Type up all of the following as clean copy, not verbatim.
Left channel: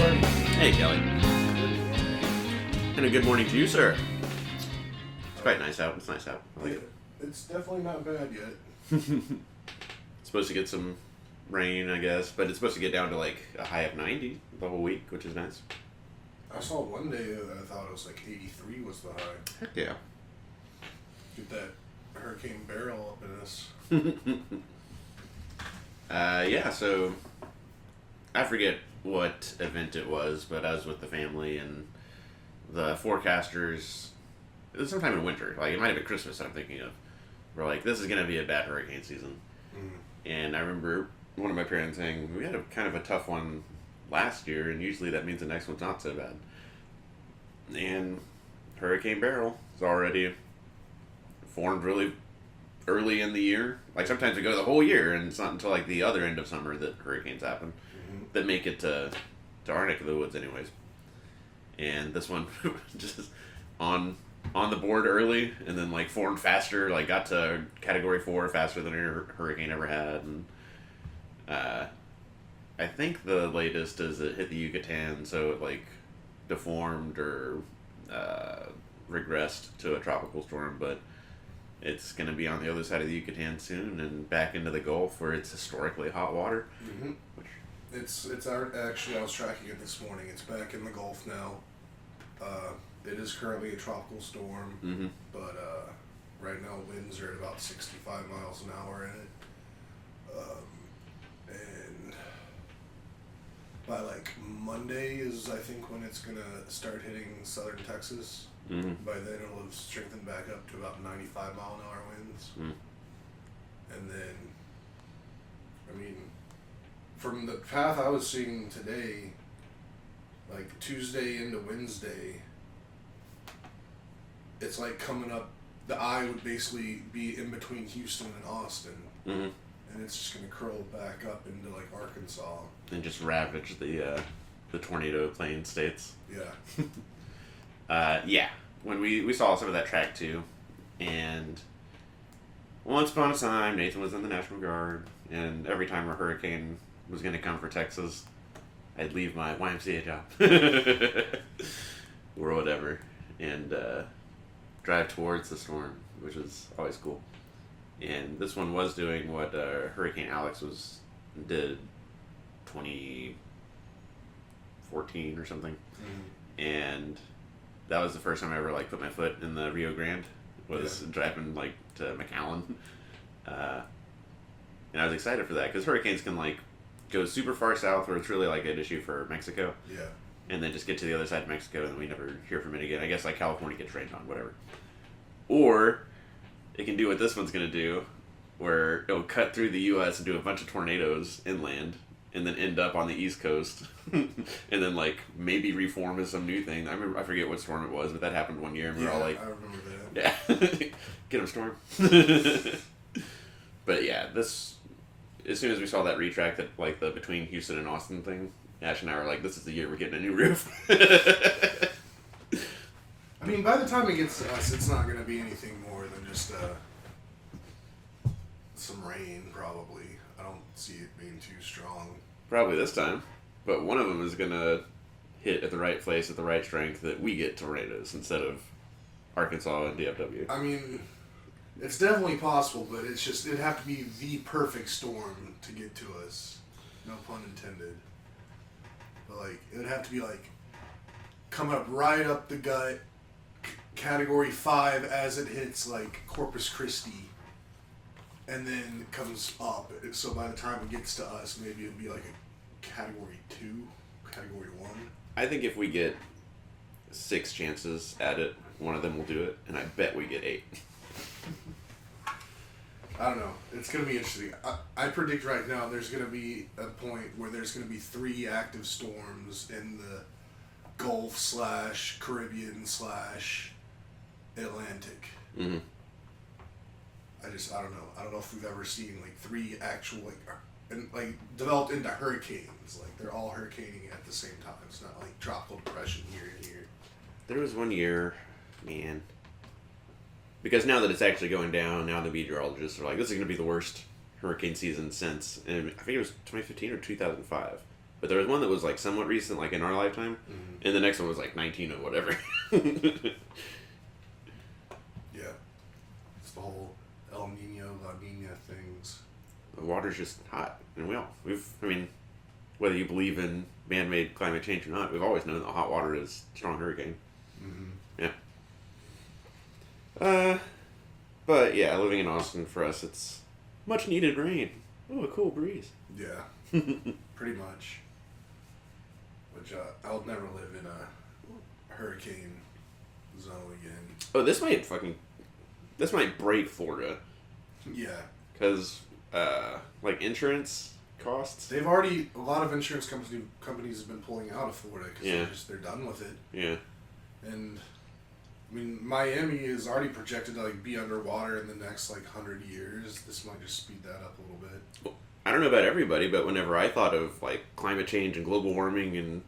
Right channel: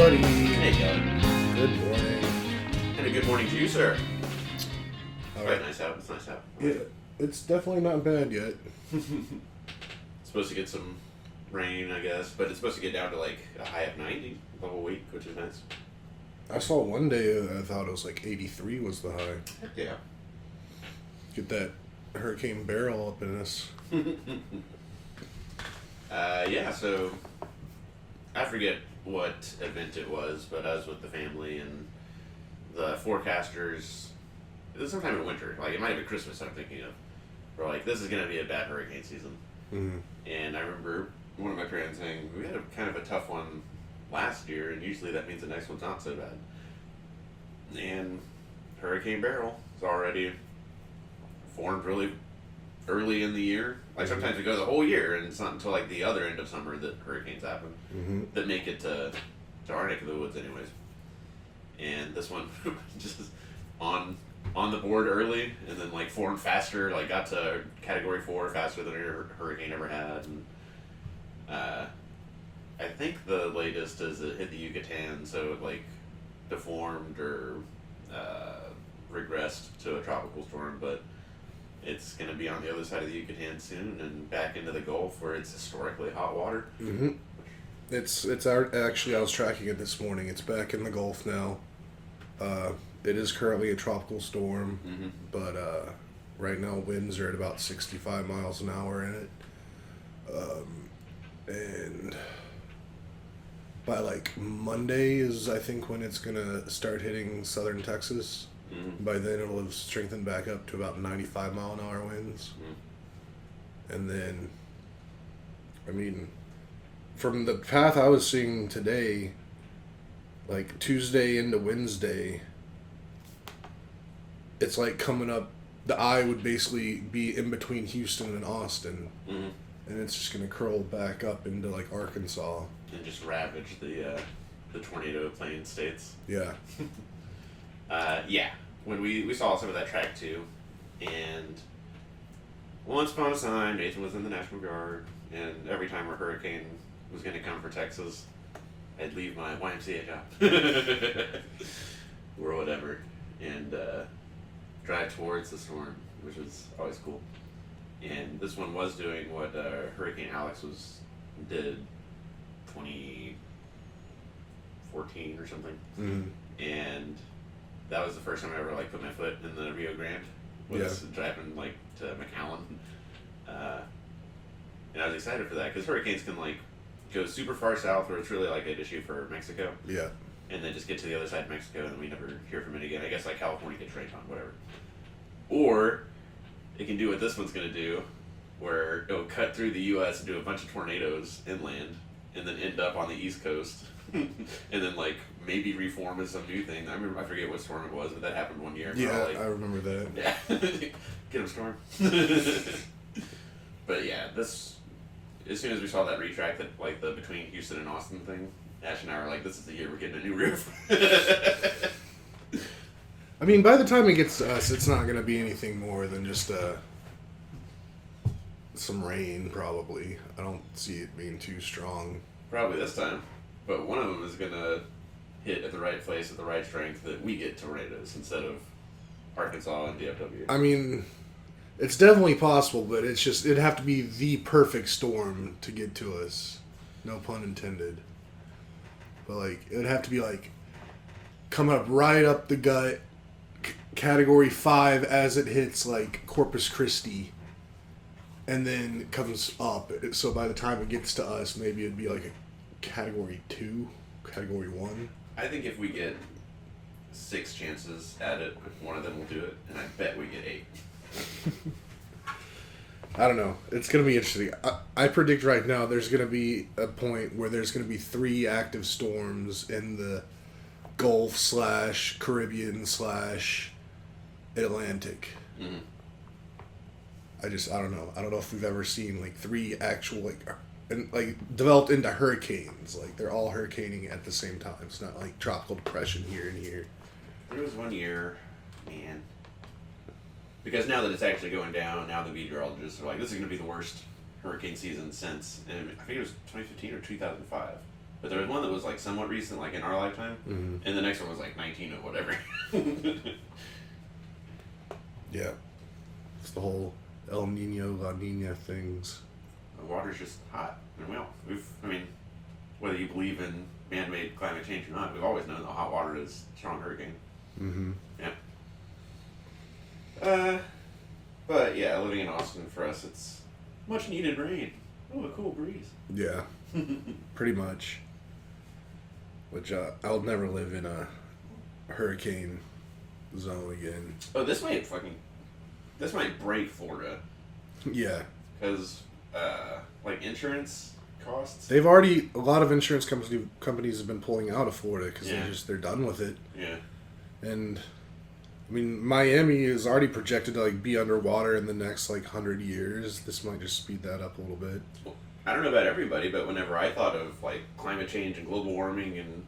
buddy. Hey, Kelly. Good morning. And a good morning to you, sir. Uh, Right, nice out. It's nice out. Yeah, it's definitely not bad yet. Supposed to get some rain, I guess, but it's supposed to get down to like a high of 90 the whole week, which is nice. I saw one day I thought it was like 83 was the high. Heck yeah. Get that Hurricane Barrel up in us. Yeah, so I forget what event it was, but I was with the family and the forecasters. It was sometime in winter, like it might have been Christmas. I'm thinking of. We're like, this is gonna be a bad hurricane season, and I remember one of my parents saying we had a kind of a tough one last year, and usually that means the next one's not so bad. And Hurricane Beryl is already formed really early in the year. Like sometimes we go the whole year, and it's not until like the other end of summer that hurricanes happen that make it to our neck of the woods, anyways. And this one just on the board early, and then like formed faster, like got to Category 4 faster than a hurricane ever had. And I think the latest is it hit the Yucatan, so it like deformed or regressed to a tropical storm, but it's going to be on the other side of the Yucatan soon and back into the Gulf where it's historically hot water. Mm-hmm. Actually, I was tracking it this morning. It's back in the Gulf now. It is currently a tropical storm, but right now winds are at about 65 miles an hour in it. And by like Monday is I think when it's gonna start hitting southern Texas. By then it'll have strengthened back up to about 95 mile an hour winds. And then, I mean, from the path I was seeing today, like Tuesday into Wednesday, it's like coming up, the eye would basically be in between Houston and Austin. And it's just going to curl back up into like Arkansas. And just ravage the tornado plain states. Yeah. Yeah, when we saw some of that track too, and once upon a time Nathan was in the National Guard, and every time a hurricane was going to come for Texas, I'd leave my YMCA job or whatever and drive towards the storm, which is always cool. And this one was doing what Hurricane Alex did 2014 or something, and that was the first time I ever like put my foot in the Rio Grande. Was driving like to McAllen, and I was excited for that because hurricanes can like go super far south where it's really like an issue for Mexico. Yeah. And then just get to the other side of Mexico and we never hear from it again. I guess like California gets rained on, whatever. Or it can do what this one's gonna do, where it'll cut through the U.S. and do a bunch of tornadoes inland, and then end up on the East Coast. And then like maybe reform as some new thing. I forget what storm it was, but that happened one year. Yeah, like, I remember that. Yeah, get him, storm. But yeah, this as soon as we saw that retract, that like the between Houston and Austin thing, Ash and I were like, this is the year we're getting a new roof. I mean, by the time it gets to us, it's not going to be anything more than just some rain, probably. I don't see it being too strong. Probably this time. But one of them is going to hit at the right place at the right strength that we get tornadoes instead of Arkansas and DFW. I mean, it's definitely possible, but it's just, it'd have to be the perfect storm to get to us. No pun intended. But, like, it would have to be, like, coming up right up the gut, Category 5 as it hits, like, Corpus Christi, and then comes up. So by the time it gets to us, maybe it'd be, like, a Category 2, Category 1. I think if we get 6 chances at it, one of them will do it, and I bet we get 8. I don't know. It's going to be interesting. I predict right now there's going to be a point where there's going to be 3 active storms in the Gulf / Caribbean / Atlantic. I don't know. I don't know if we've ever seen like 3 actual developed into hurricanes. Like they're all hurricaning at the same time. It's not like tropical depression here and here. There was one year, man. Because now that it's actually going down, now the meteorologists are like, this is going to be the worst hurricane season since, and I think it was 2015 or 2005. But there was one that was like somewhat recent, like in our lifetime, Mm-hmm. and the next one was like 19 or whatever. Yeah. It's the whole El Nino, La Nina things. The water's just hot, and I mean, whether you believe in man-made climate change or not, we've always known that hot water is a strong hurricane. Mm-hmm. But yeah, living in Austin for us, it's much needed rain. Oh, a cool breeze. Yeah. Pretty much. Which I'll never live in a hurricane zone again. Oh, this might break Florida, Yeah. because like insurance costs. A lot of insurance companies have been pulling out of Florida because Yeah. they're done with it. Yeah. And I mean, Miami is already projected to like be underwater in the next like 100 years. This might just speed that up a little bit. I don't know about everybody, but whenever I thought of like climate change and global warming and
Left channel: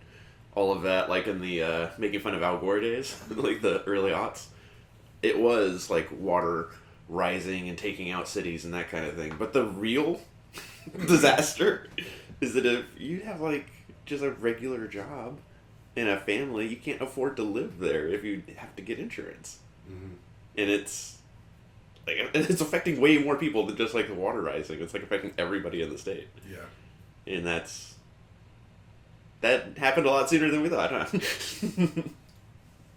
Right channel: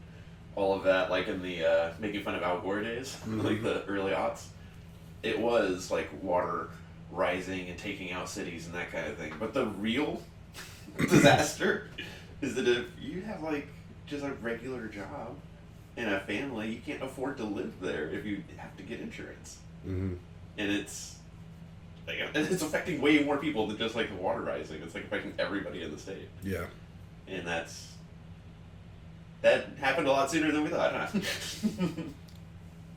all of that, like in the making fun of Al Gore days, like the early aughts, it was like water rising and taking out cities and that kind of thing. But the real disaster is that if you have like just a regular job and a family, you can't afford to live there if you have to get insurance. Mm-hmm. And it's like it's affecting way more people than just like the water rising. It's like affecting everybody in the state, Yeah. and that happened a lot sooner than we thought. Huh?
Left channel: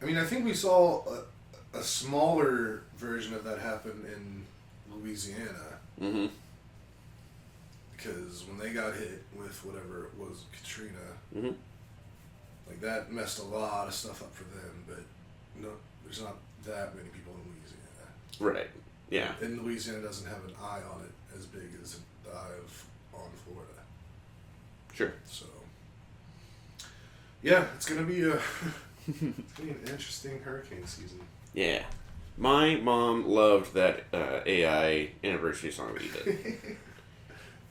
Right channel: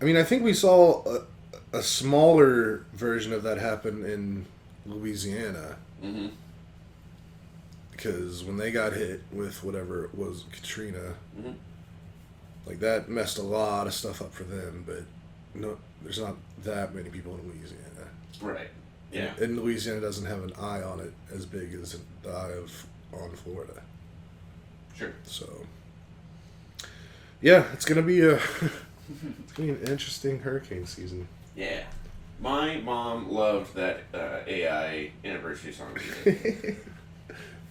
I mean, I think we saw a smaller version of that happen in Louisiana. Mm-hmm. Because when they got hit with whatever it was, Katrina, Mm-hmm. like that messed a lot of stuff up for them. But no, there's not that many people in Louisiana. Right. Yeah. And Louisiana doesn't have an eye on it as big as the eye on Florida. Sure. So, yeah, it's gonna be an interesting hurricane season. Yeah. My mom loved that AI anniversary song we did.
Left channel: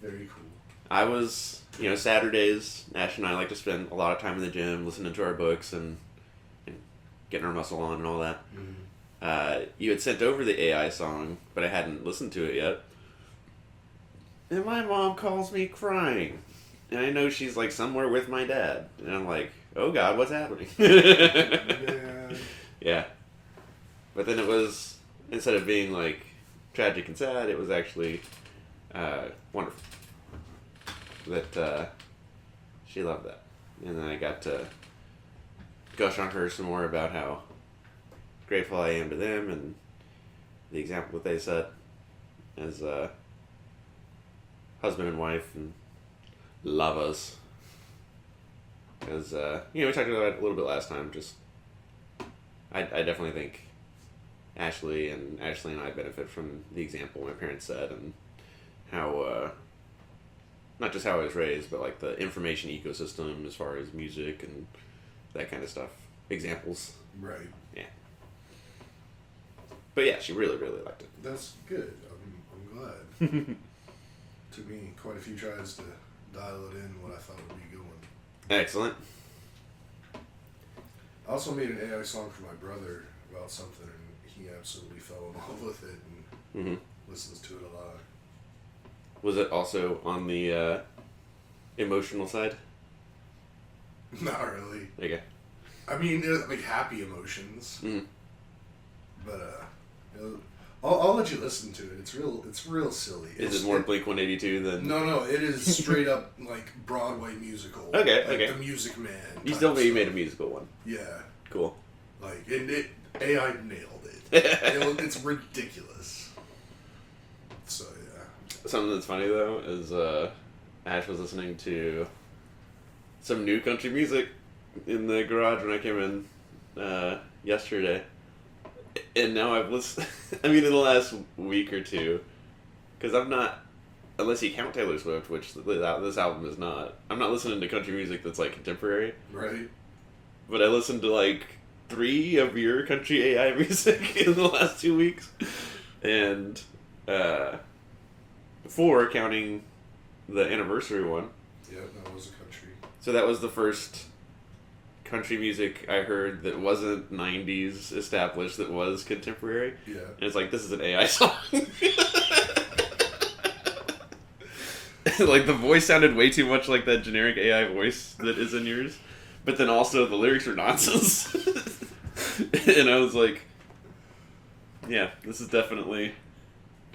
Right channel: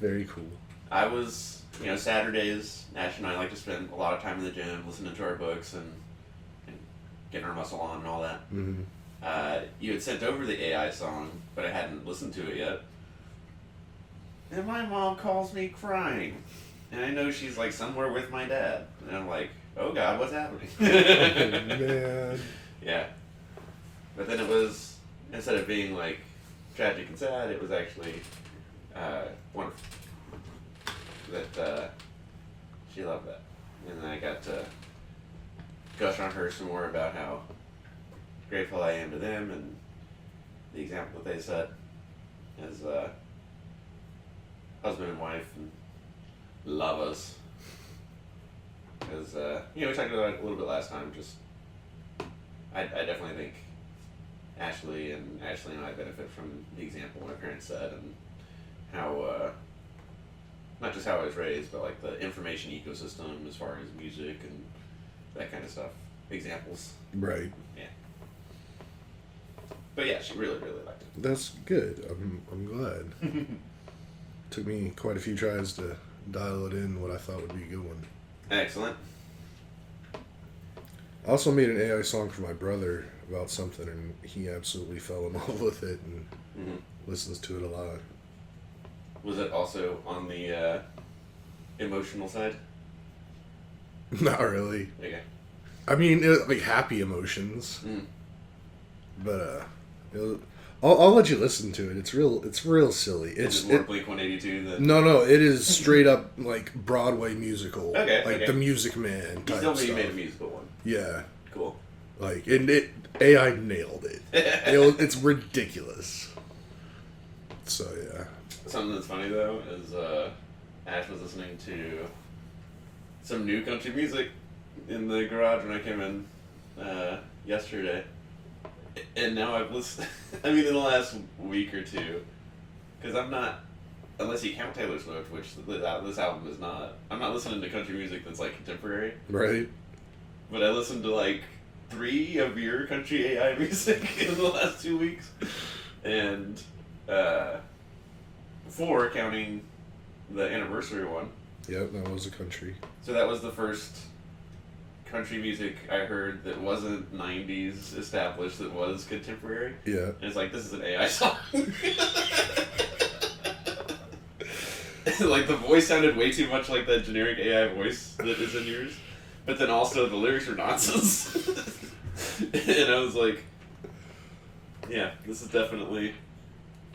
Very cool. I was, Saturdays, Nash and I like to spend a lot of time in the gym, listening to our books and getting our muscle on and all that. Mm-hmm. You had sent over the AI song, but I hadn't listened to it yet. And my mom calls me crying. And I know she's like somewhere with my dad. And I'm like, oh God, what's happening? Man. Yeah. But then it was, instead of being like tragic and sad, it was actually wonderful. That she loved that. And then I got to gush on her some more about how grateful I am to them and the example that they set as husband and wife and lovers. As we talked about it a little bit last time. Just I definitely think Ashley and I benefit from the example my parents set and how not just how I was raised, but like the information ecosystem as far as music and that kind of stuff. Examples. Right. Yeah. But yeah, she really, really liked it. That's good. I'm glad. Took me quite a few tries to dial it in what I thought would be a good one. Excellent. I also made an AI song for my brother about something, and he absolutely fell in love with it and listens to it a lot. Was it also on the emotional side? Not really. Okay. I mean, like happy emotions, but I'll let you listen to it. It's real silly. Is it more Blink-182 than... No, it is straight up like Broadway musical. Okay, like okay. The Music Man. You still you made a musical one. Yeah. Cool. Like it AI nailed it. It's ridiculous. So yeah. Something that's funny though is Ash was listening to some new country music in the garage when I came in yesterday. And now I've listened, in the last week or two, because I'm not, unless you count Taylor Swift, which this album is not, I'm not listening to country music that's like contemporary. Right. But I listened to like 3 of your country AI music in the last 2 weeks. And 4 counting the anniversary one. Yep, that was a country. So that was the first country music I heard that wasn't 90s established, that was contemporary. Yeah. And it's like, this is an AI song. like the voice sounded way too much like that generic AI voice that is in yours, but then also the lyrics are nonsense. And I was like, yeah, this is definitely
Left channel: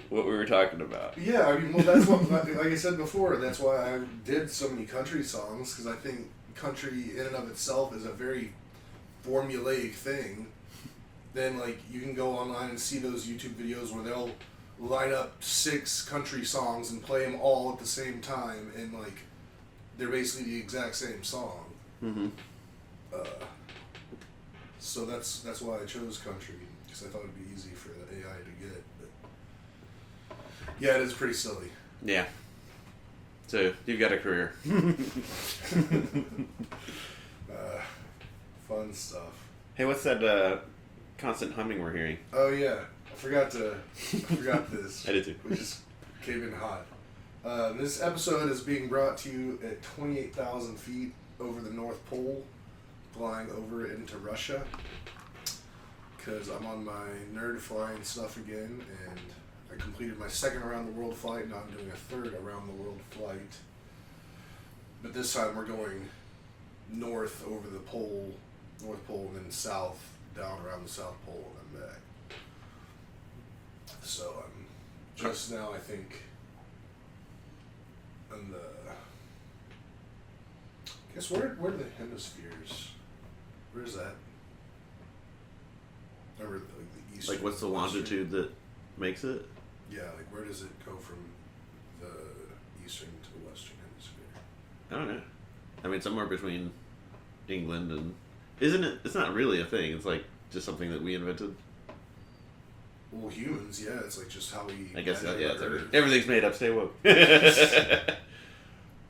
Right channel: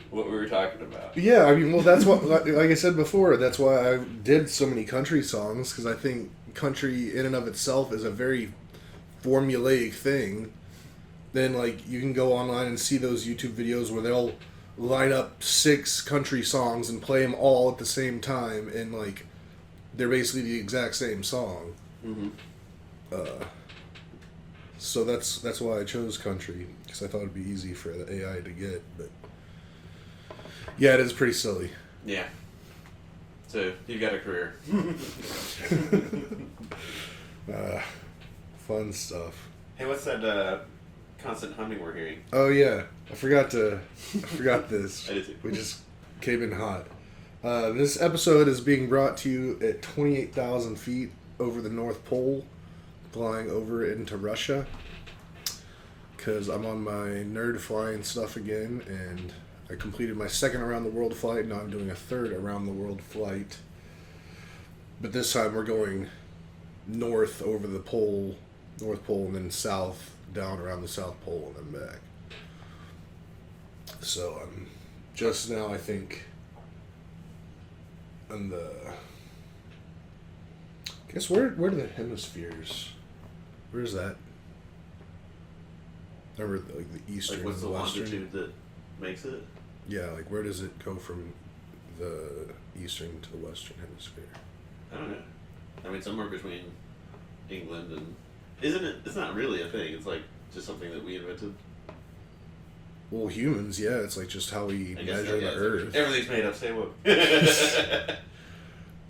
what we were talking about. Yeah, I mean, well, that's what, like I said before, that's why I did so many country songs, because I think country in and of itself is a very formulaic thing. Then, like, you can go online and see those YouTube videos where they'll line up 6 country songs and play them all at the same time, and, like, they're basically the exact same song. Mm-hmm. So that's why I chose country, because I thought it'd be easy for the AI to get, but yeah, it is pretty silly. Yeah. So, you've got a career. Fun stuff. Hey, what's that constant humming we're hearing? Oh yeah, I forgot this. I did too. We just came in hot. This episode is being brought to you at 28,000 feet over the North Pole, flying over into Russia. Because I'm on my nerd flying stuff again, and I completed my 2nd around the world flight. Now I'm doing a 3rd around the world flight. But this time we're going north over the pole, North Pole, and then south, down around the South Pole, and then back. So I'm just now, I think, on the... I guess where are the hemispheres? Where's that? Remember, like the eastern, Like, what's the western? longitude that makes it? Yeah, like where does it go from the eastern to the western hemisphere? I don't know. I mean, somewhere between England and... Isn't it? It's not really a thing. It's like just something that we invented. Well, humans, yeah, it's like just how we I guess measure yeah, the Earth. everything's made up. Stay woke.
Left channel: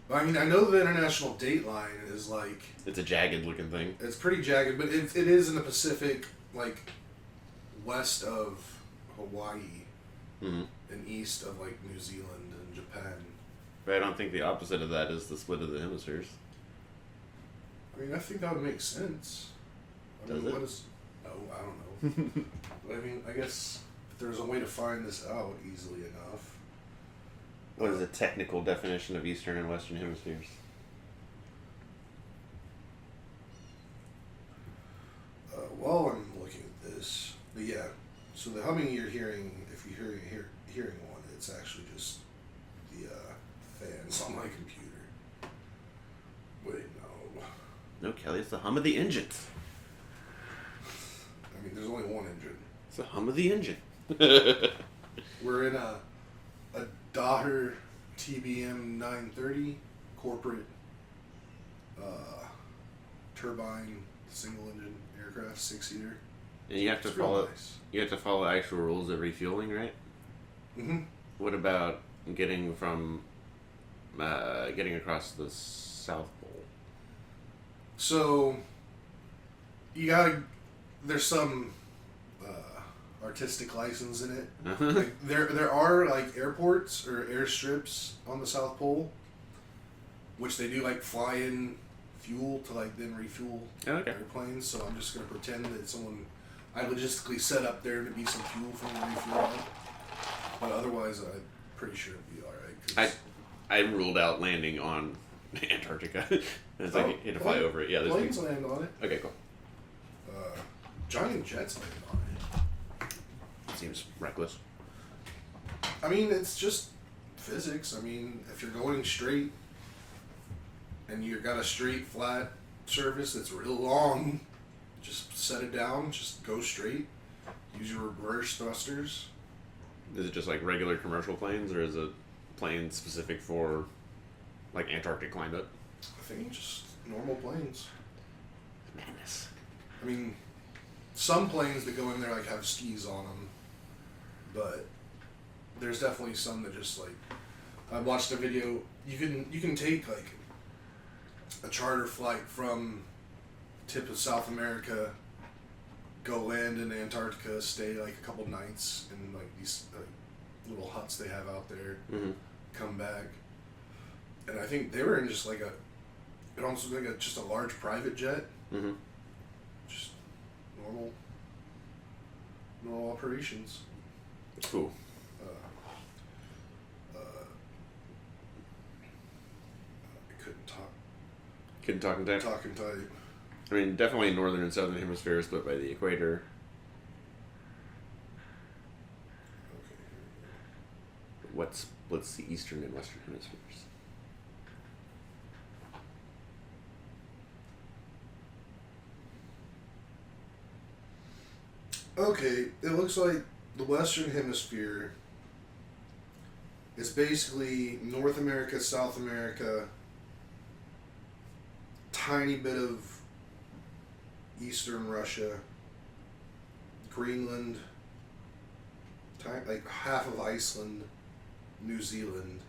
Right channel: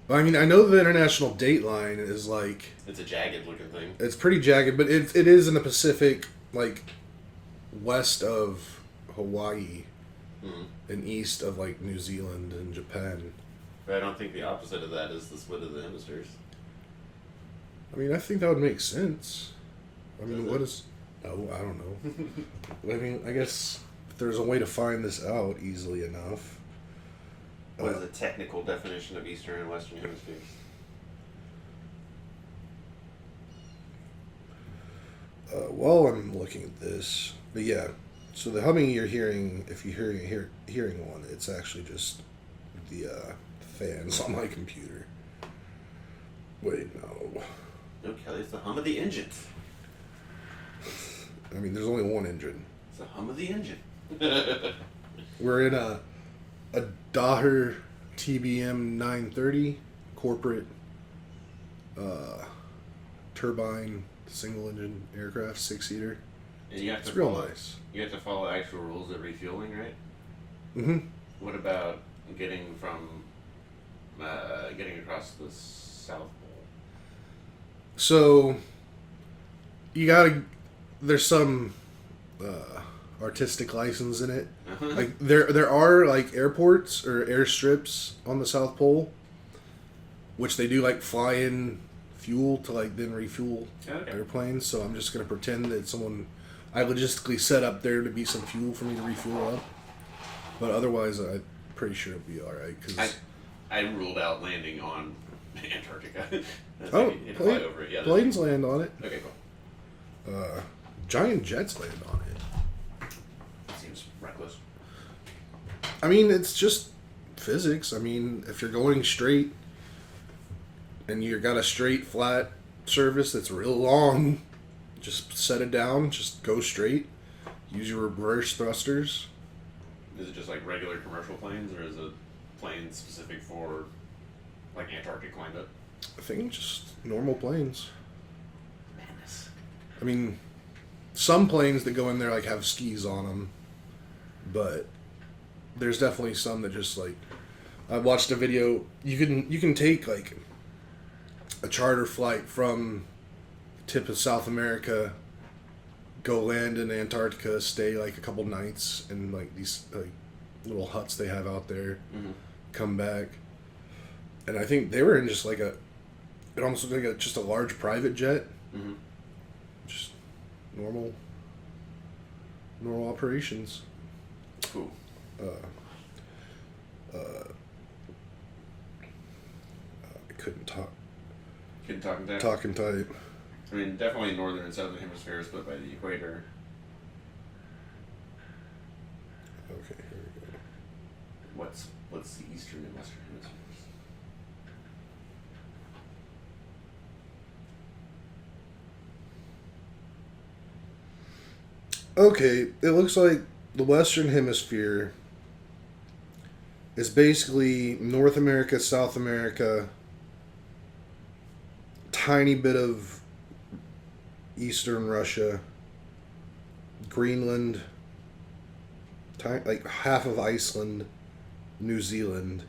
I mean, I know the international date line is like... It's a jagged looking thing. It's pretty jagged, but it is in the Pacific, like, west of Hawaii Mm-hmm. and east of, like, New Zealand and Japan. But I don't think the opposite of that is the split of the hemispheres. I mean, I think that would make sense. I mean, Does it? what is... Oh, I don't know. I mean, I guess if there's a way to find this out easily enough... What is the technical definition of Eastern and Western hemispheres? While I'm looking at this, but yeah, so the humming you're hearing, if you're hearing one, it's actually just the fans on my computer. Wait, no. No, Kelly, it's the hum of the engines. I mean, there's only one engine. It's the hum of the engine. We're in a Daher TBM 930 corporate turbine single engine aircraft, 6-seater. And you have to It's real follow. nice. You have to follow actual rules of refueling, right? Mm-hmm. What about getting from getting across the South Pole? So you gotta. There's some artistic license in it. Like there are like airports or airstrips on the South Pole, which they do like fly in fuel to like then refuel Okay. airplanes. So I'm just gonna pretend that I logistically set up there to be some fuel for me to refuel up. But otherwise, I'm pretty sure it'll be all right. Cause I ruled out landing on Antarctica. That's Oh, like, you had to fly over it. Yeah, there's planes land on it. Okay, cool. Giant jets land on it. Seems reckless. I mean, it's just physics. I mean, if you're going straight and you've got a straight, flat surface that's real long, just set it down, just go straight. Use your reverse thrusters. Is it just like regular commercial planes, or is it planes specific for like Antarctic climate? I think just normal planes. Madness. I mean, some planes that go in there like have skis on them, but there's definitely some that just like. I watched a video. You can take like a charter flight from the tip of South America, go land in Antarctica, stay like a couple nights in like these like little huts they have out there, Mm-hmm. come back, and I think they were in just like it almost looked like just a large private jet, Mm-hmm. just normal operations. Cool. couldn't talk. Couldn't talk in time? Talking tight. I mean, definitely northern and southern hemispheres, but by the equator. Okay, here we go. What's the eastern and western hemispheres? Okay, it looks like the Western Hemisphere is basically North America, South America, tiny bit of Eastern Russia, Greenland, like half of Iceland, New Zealand.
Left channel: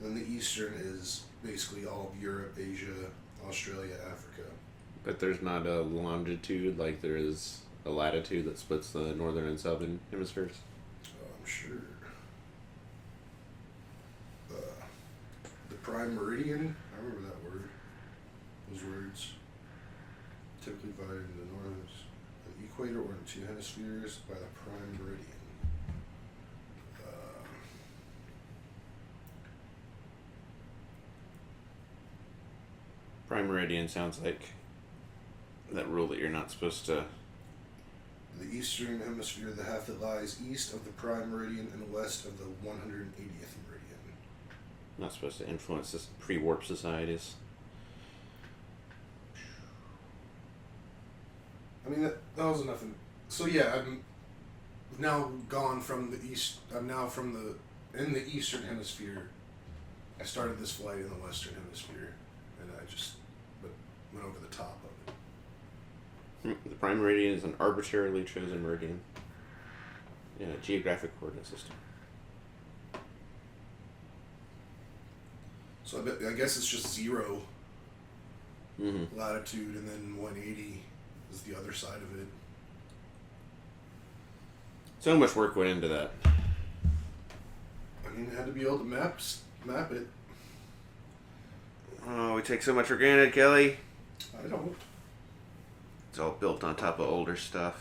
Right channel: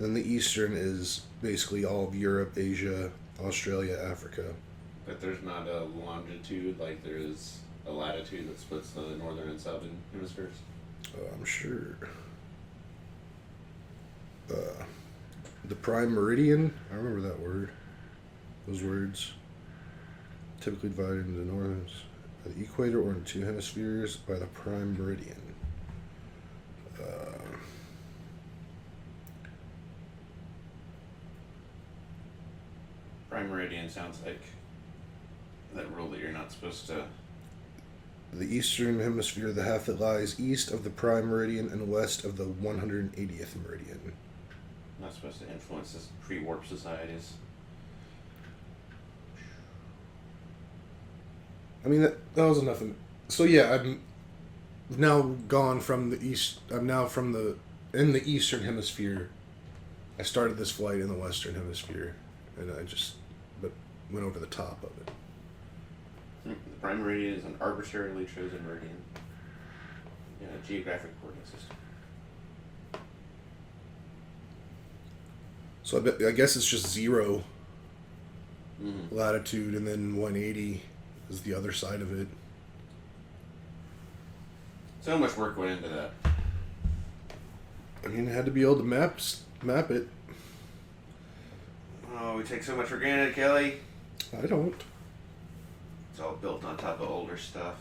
Then the Eastern is basically all of Europe, Asia, Australia, Africa. But there's not a longitude like there is a latitude that splits the northern and southern hemispheres? I'm sure. The prime meridian, I remember that word. Those words. Typically divided into northern, the equator, or into two hemispheres by the prime meridian. Prime meridian sounds like that rule that you're not supposed to. The eastern hemisphere, the half that lies east of the prime meridian and west of the 180th meridian. Not supposed to influence this pre-warp societies. I mean, that was nothing. So yeah, I'm now gone from the east. I'm now in the eastern hemisphere. I started this flight in the western hemisphere, and I just went over the top of it. The prime meridian is an arbitrarily chosen meridian in a geographic coordinate system. So I guess it's just 0 Mm-hmm. latitude, and then 180 is the other side of it. So much work went into that. I mean, it had to be able to map it. Oh, we take so much for granted, Kelly. I don't. It's all built on top of older stuff.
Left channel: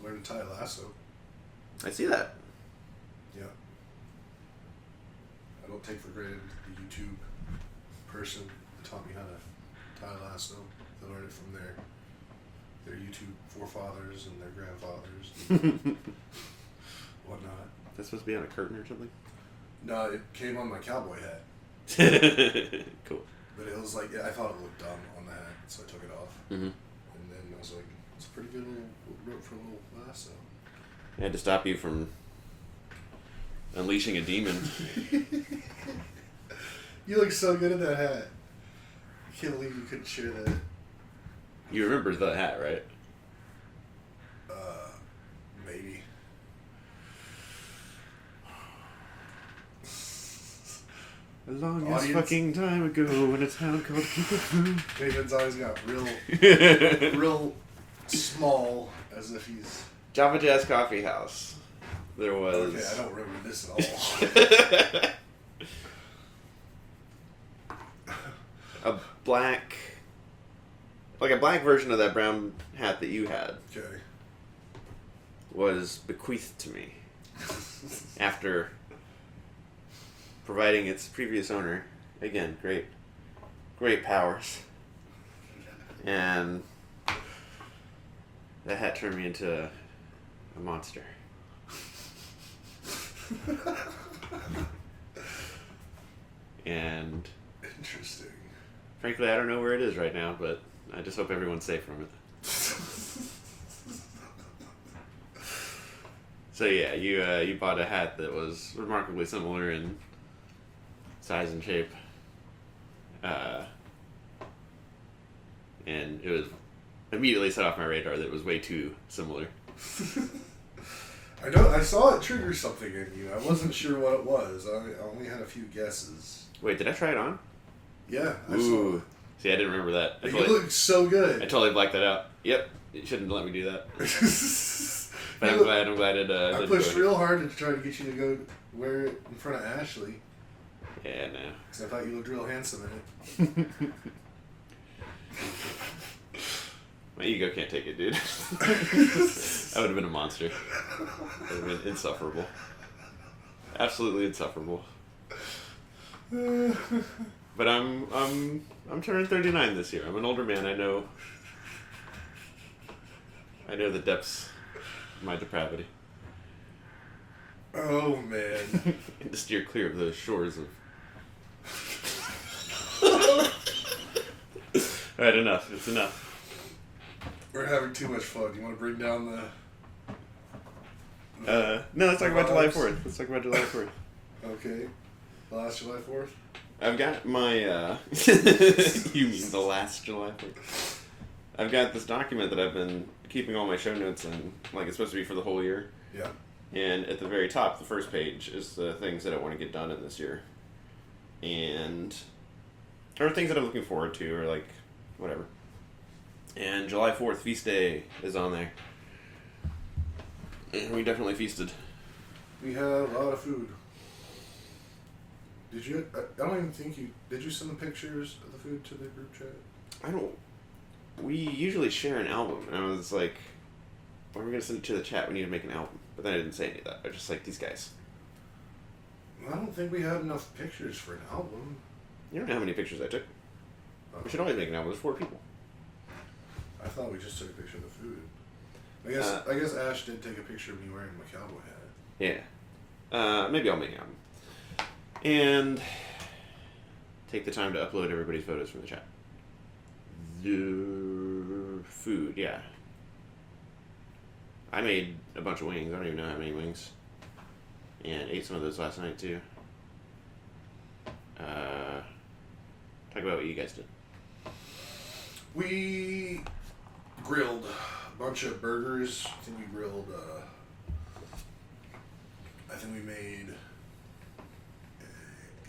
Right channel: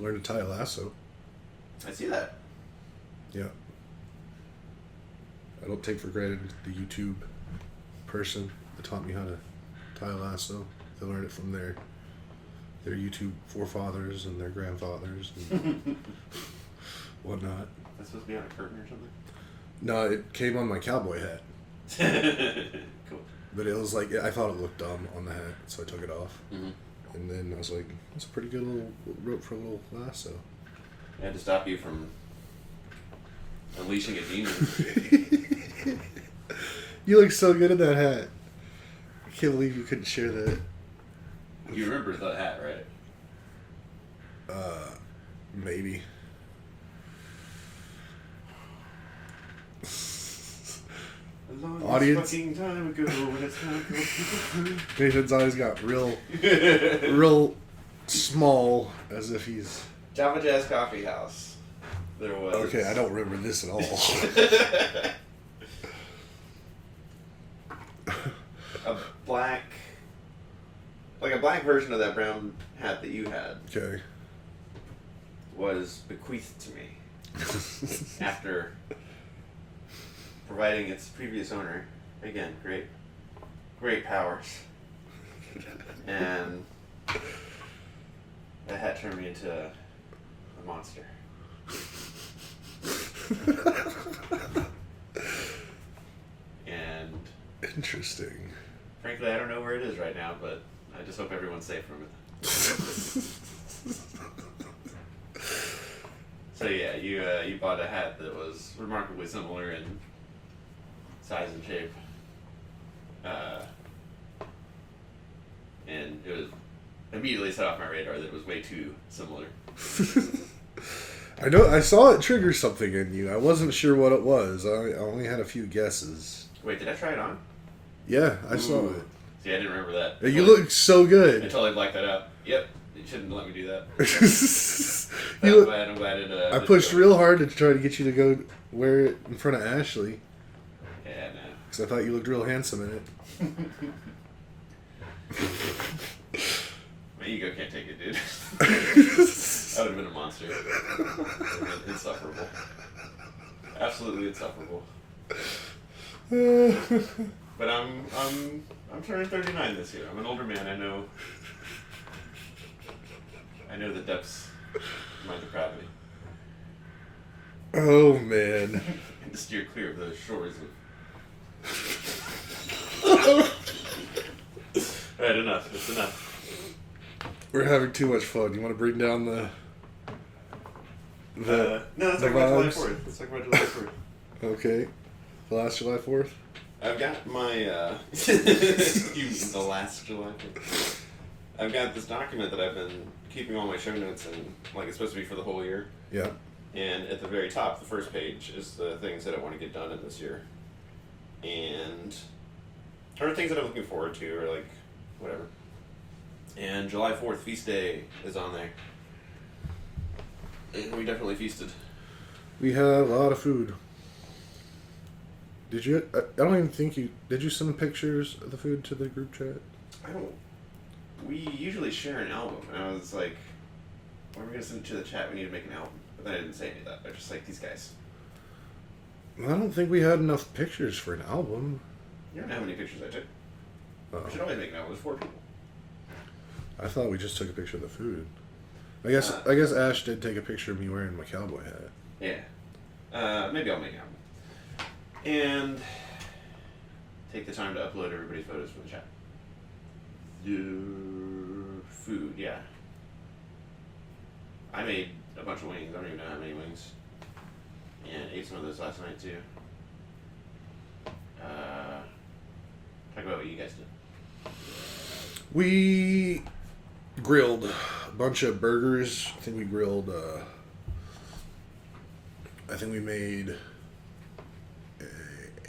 Learn to tie a lasso. I see that. Yeah. I don't take for granted the YouTube person that taught me how to tie a lasso. They learned it from their YouTube forefathers and their grandfathers and whatnot. That's supposed to be on a curtain or something? No, it came on my cowboy hat. Cool. But it was like, I thought it looked dumb on the hat, so I took it off. Mm-hmm. And then I was like, that's a pretty good little rope for a little lasso. I had to stop you from unleashing a demon. You look so good in that hat. I can't believe you couldn't share that. You remember the hat, right? Maybe. A long Audience? fucking time ago when it's time called Nathan's eyes got real small, as if he's... Java Jazz Coffee House. There was... Okay, I don't remember this at all. a black version of that brown hat that you had Okay. was bequeathed to me after providing its previous owner, again, great powers. And that hat turned me into a monster. And Interesting. frankly, I don't know where it is right now, but I just hope everyone's safe from it. So yeah, you bought a hat that was remarkably similar in size and shape, and it was immediately set off my radar that it was way too similar. I know. I saw it trigger something in you. I wasn't sure what it was. I only had a few guesses. Wait, did I try it on? Yeah, I saw it. See, I didn't remember that. You look so good. I totally blacked that out. Yep, it shouldn't let me do that. You look- I'm glad it. I pushed real hard to try to get you to go wear it in front of Ashley. Yeah, no. Because I thought you looked real handsome in it. My ego can't take it, dude. That would have been a monster. That would have been insufferable. Absolutely insufferable. But I'm turning 39 this year. I'm an older man. I know the depths of my depravity. Oh man. And to steer clear of those shores of. Alright, enough. It's enough. We're having too much fun. You want to bring down the No, let's talk about July 4th. Let's talk about July 4th. Okay. The last July 4th? I've got my, you mean the last July 4th? I've got this document that I've been keeping all my show notes in, like it's supposed to be for the whole year. Yeah. And at the very top, the first page, is the things that I want to get done in this year. Or things that I'm looking forward to, or like, whatever. And July 4th, Feast Day, is on there. And we definitely feasted. We had a lot of food. Did you? I don't even think you. Did you send pictures of the food to the group chat? I don't. We usually share an album. And I was like, why are we going to send it to the chat? We need to make an album. But then I didn't say any of that. I was just like, these guys. I don't think we had enough pictures for an album. You don't know how many pictures I took. We should always make an album. There's 4 people. I thought we just took a picture of the food. I guess Ash did take a picture of me wearing my cowboy hat. Yeah. Maybe I'll make an album. And take the time to upload everybody's photos from the chat. The food, yeah. I made a bunch of wings. I don't even know how many wings. And ate some of those last night too. Talk about what you guys did. We grilled a bunch of burgers. I think we grilled, I think we made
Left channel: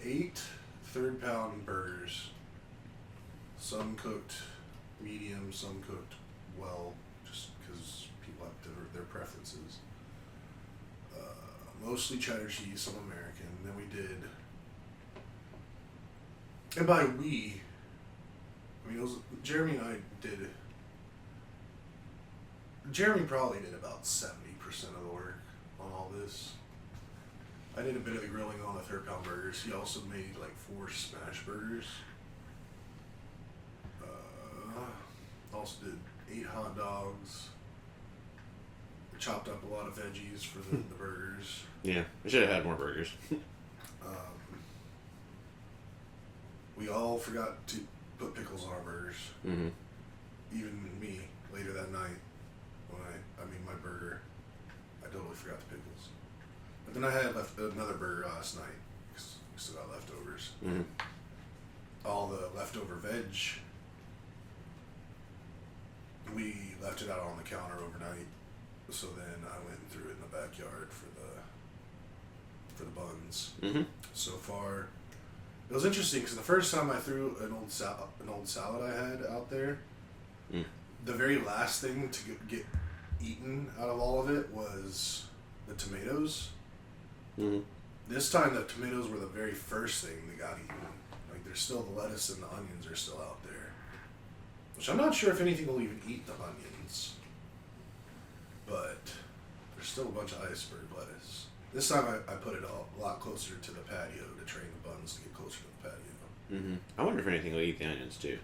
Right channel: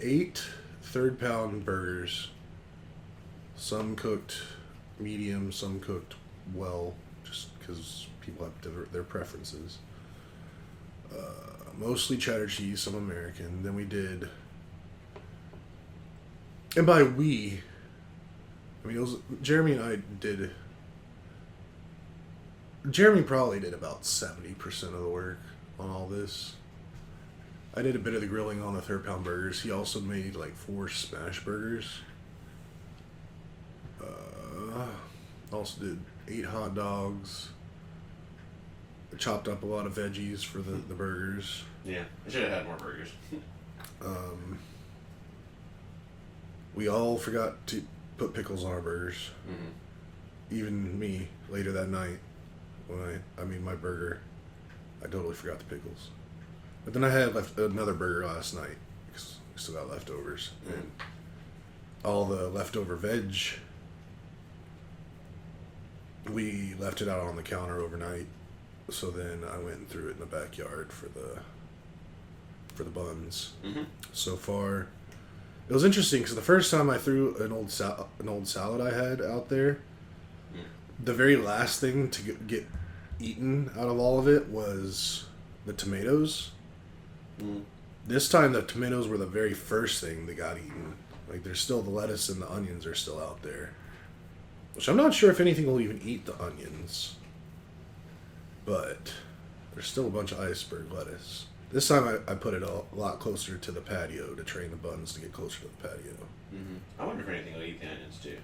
8 third-pound burgers. Some cooked medium, some cooked well, just because people have their preferences. Mostly cheddar cheese, some American. Then we did, and by we, I mean it was Jeremy and I did. Jeremy probably did about 70% of the work on all this. I did a bit of the grilling on the third-pound burgers. He also made like 4 smash burgers. Also did 8 hot dogs. Chopped up a lot of veggies for the burgers. Yeah, we should have had more burgers. We all forgot to put pickles on our burgers. Mm-hmm. Even me, later that night, when I made my burger, I totally forgot the pickles. But then I had another burger last night, because we still got leftovers. Mm-hmm. And all the leftover veg, we left it out on the counter overnight. So then I went and threw it in the backyard for the buns. Mm-hmm. So far, it was interesting because the first time I threw an old salad I had out there, the very last thing to get eaten out of all of it was the tomatoes. Mm-hmm. This time the tomatoes were the very first thing that got eaten. Like there's still the lettuce and the onions are still out there, which I'm not sure if anything will even eat the onions. But there's still a bunch of iceberg lettuce. This time I put it a lot closer to the patio to train the buns to get closer to the patio. Mm-hmm. I wonder if anything will eat the onions too.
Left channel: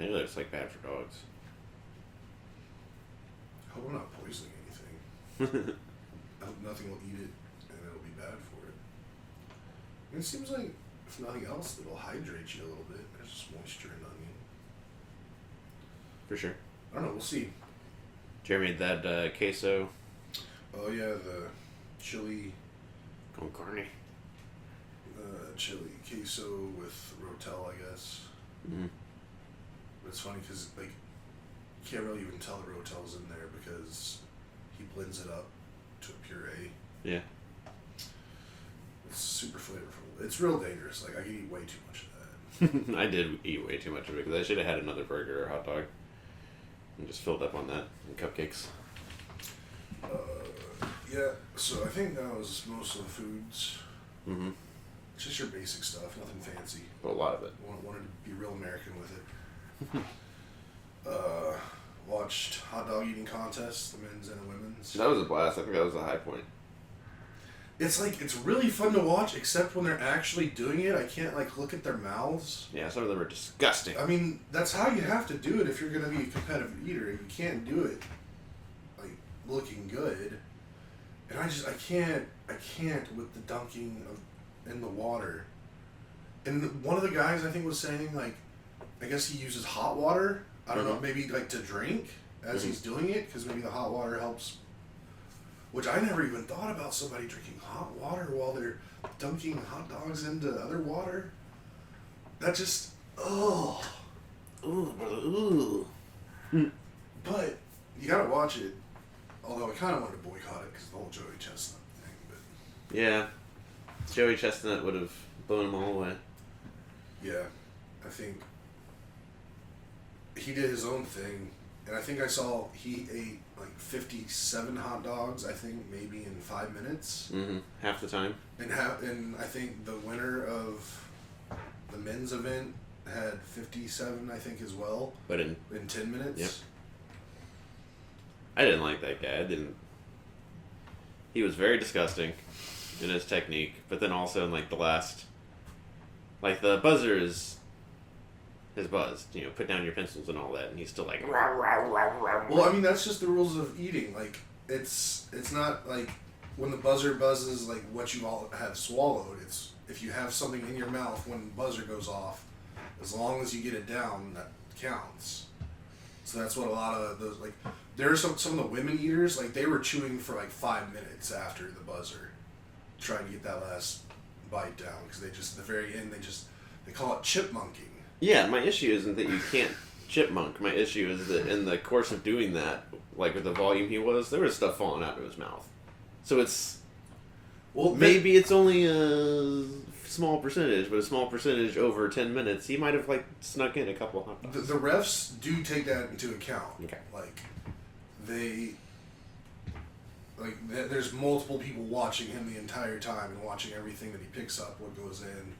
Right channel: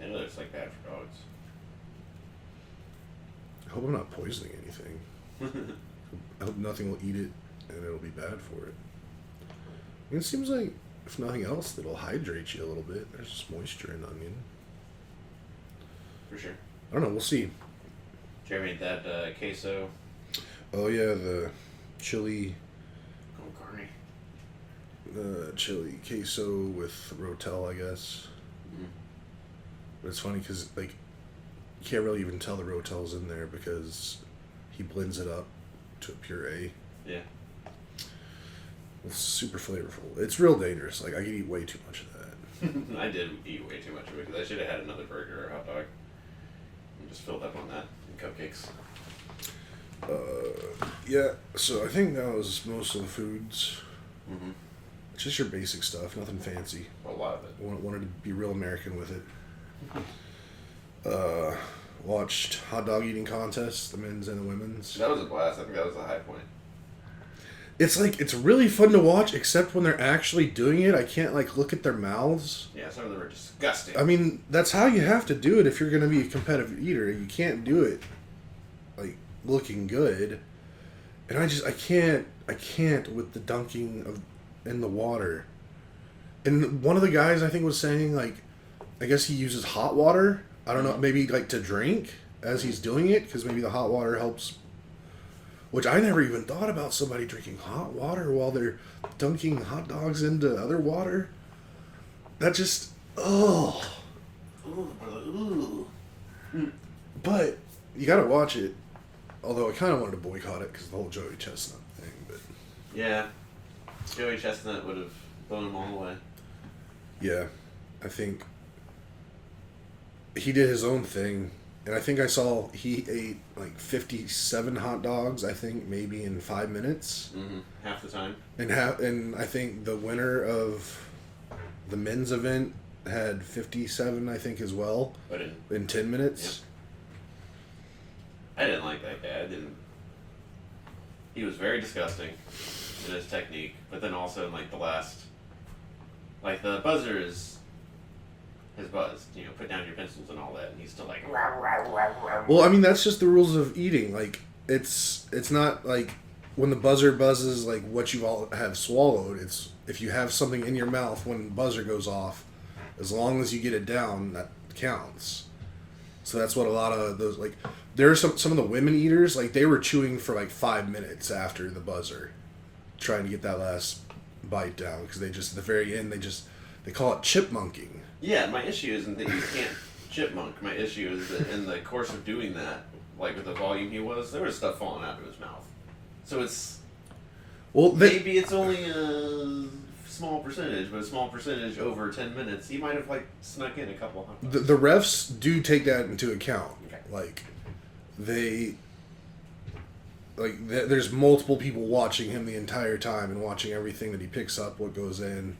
I know it's like bad for dogs. I hope I'm not poisoning anything. I hope nothing will eat it and it'll be bad for it. I mean, it seems like, if nothing else, it'll hydrate you a little bit. There's just moisture in the onion. For sure. I don't know, we'll see. Jeremy made that queso. Oh yeah, the chili. Con carne. The chili queso with rotel, I guess. Mm-hmm. But it's funny because like you can't really even tell the rotel's in there because he blends it up to a puree. Yeah. It's super flavorful. It's real dangerous. Like I could eat way too much of that. I did eat way too much of it because I should have had another burger or hot dog and just filled up on that and cupcakes. Yeah. So I think that was most of the foods. Mm-hmm. It's just your basic stuff, nothing fancy. A lot of it. Wanted to be real American with it. Watched hot dog eating contests, the men's and the women's. That was a blast. I think that was the high point. It's like it's really fun to watch, except when they're actually doing it. I can't like look at their mouths. Yeah, some of them are disgusting. I mean, that's how you have to do it if you're going to be a competitive eater. You can't do it like looking good. And I can't with the dunking of in the water. And one of the guys I think was saying like, I guess he uses hot water. I don't know, maybe like to drink as he's doing it because maybe the hot water helps. Which I never even thought about somebody drinking hot water while they're dunking hot dogs into other water. That just oh. Ooh. But you gotta watch it. Although I kind of wanted to boycott it because the whole Joey Chestnut thing. But Yeah, Joey Chestnut would have blown them all away. yeah, I think he did his own thing, and I think I saw he ate like 57 hot dogs. I think maybe in 5 minutes. Mm-hmm. Half the time. And I think the winner of the men's event had 57. I think as well. But in 10 minutes. I didn't like that guy. He was very disgusting in his technique, but then also in like the last, like the buzzer is his buzz. You know, put down your pencils and all that, and he's still like. Rah, rah, rah, rah. Well, I mean that's just the rules of eating. Like it's not like when the buzzer buzzes like what you all have swallowed. It's if you have something in your mouth when the buzzer goes off, as long as you get it down, that counts. So that's what a lot of those like. There are some of the women eaters like they were chewing for like 5 minutes after the buzzer, trying to get that last bite down because they just at the very end they call it chipmunking. Yeah, my issue isn't that you can't chipmunk. My issue is that in the course of doing that, like with the volume he was, there was stuff falling out of his mouth. So it's maybe it's only a small percentage, but a small percentage over 10 minutes, he might have like snuck in a couple hot dogs. The refs do take that into account. Okay. There's multiple people watching him the entire time and watching everything that he picks up, what goes in,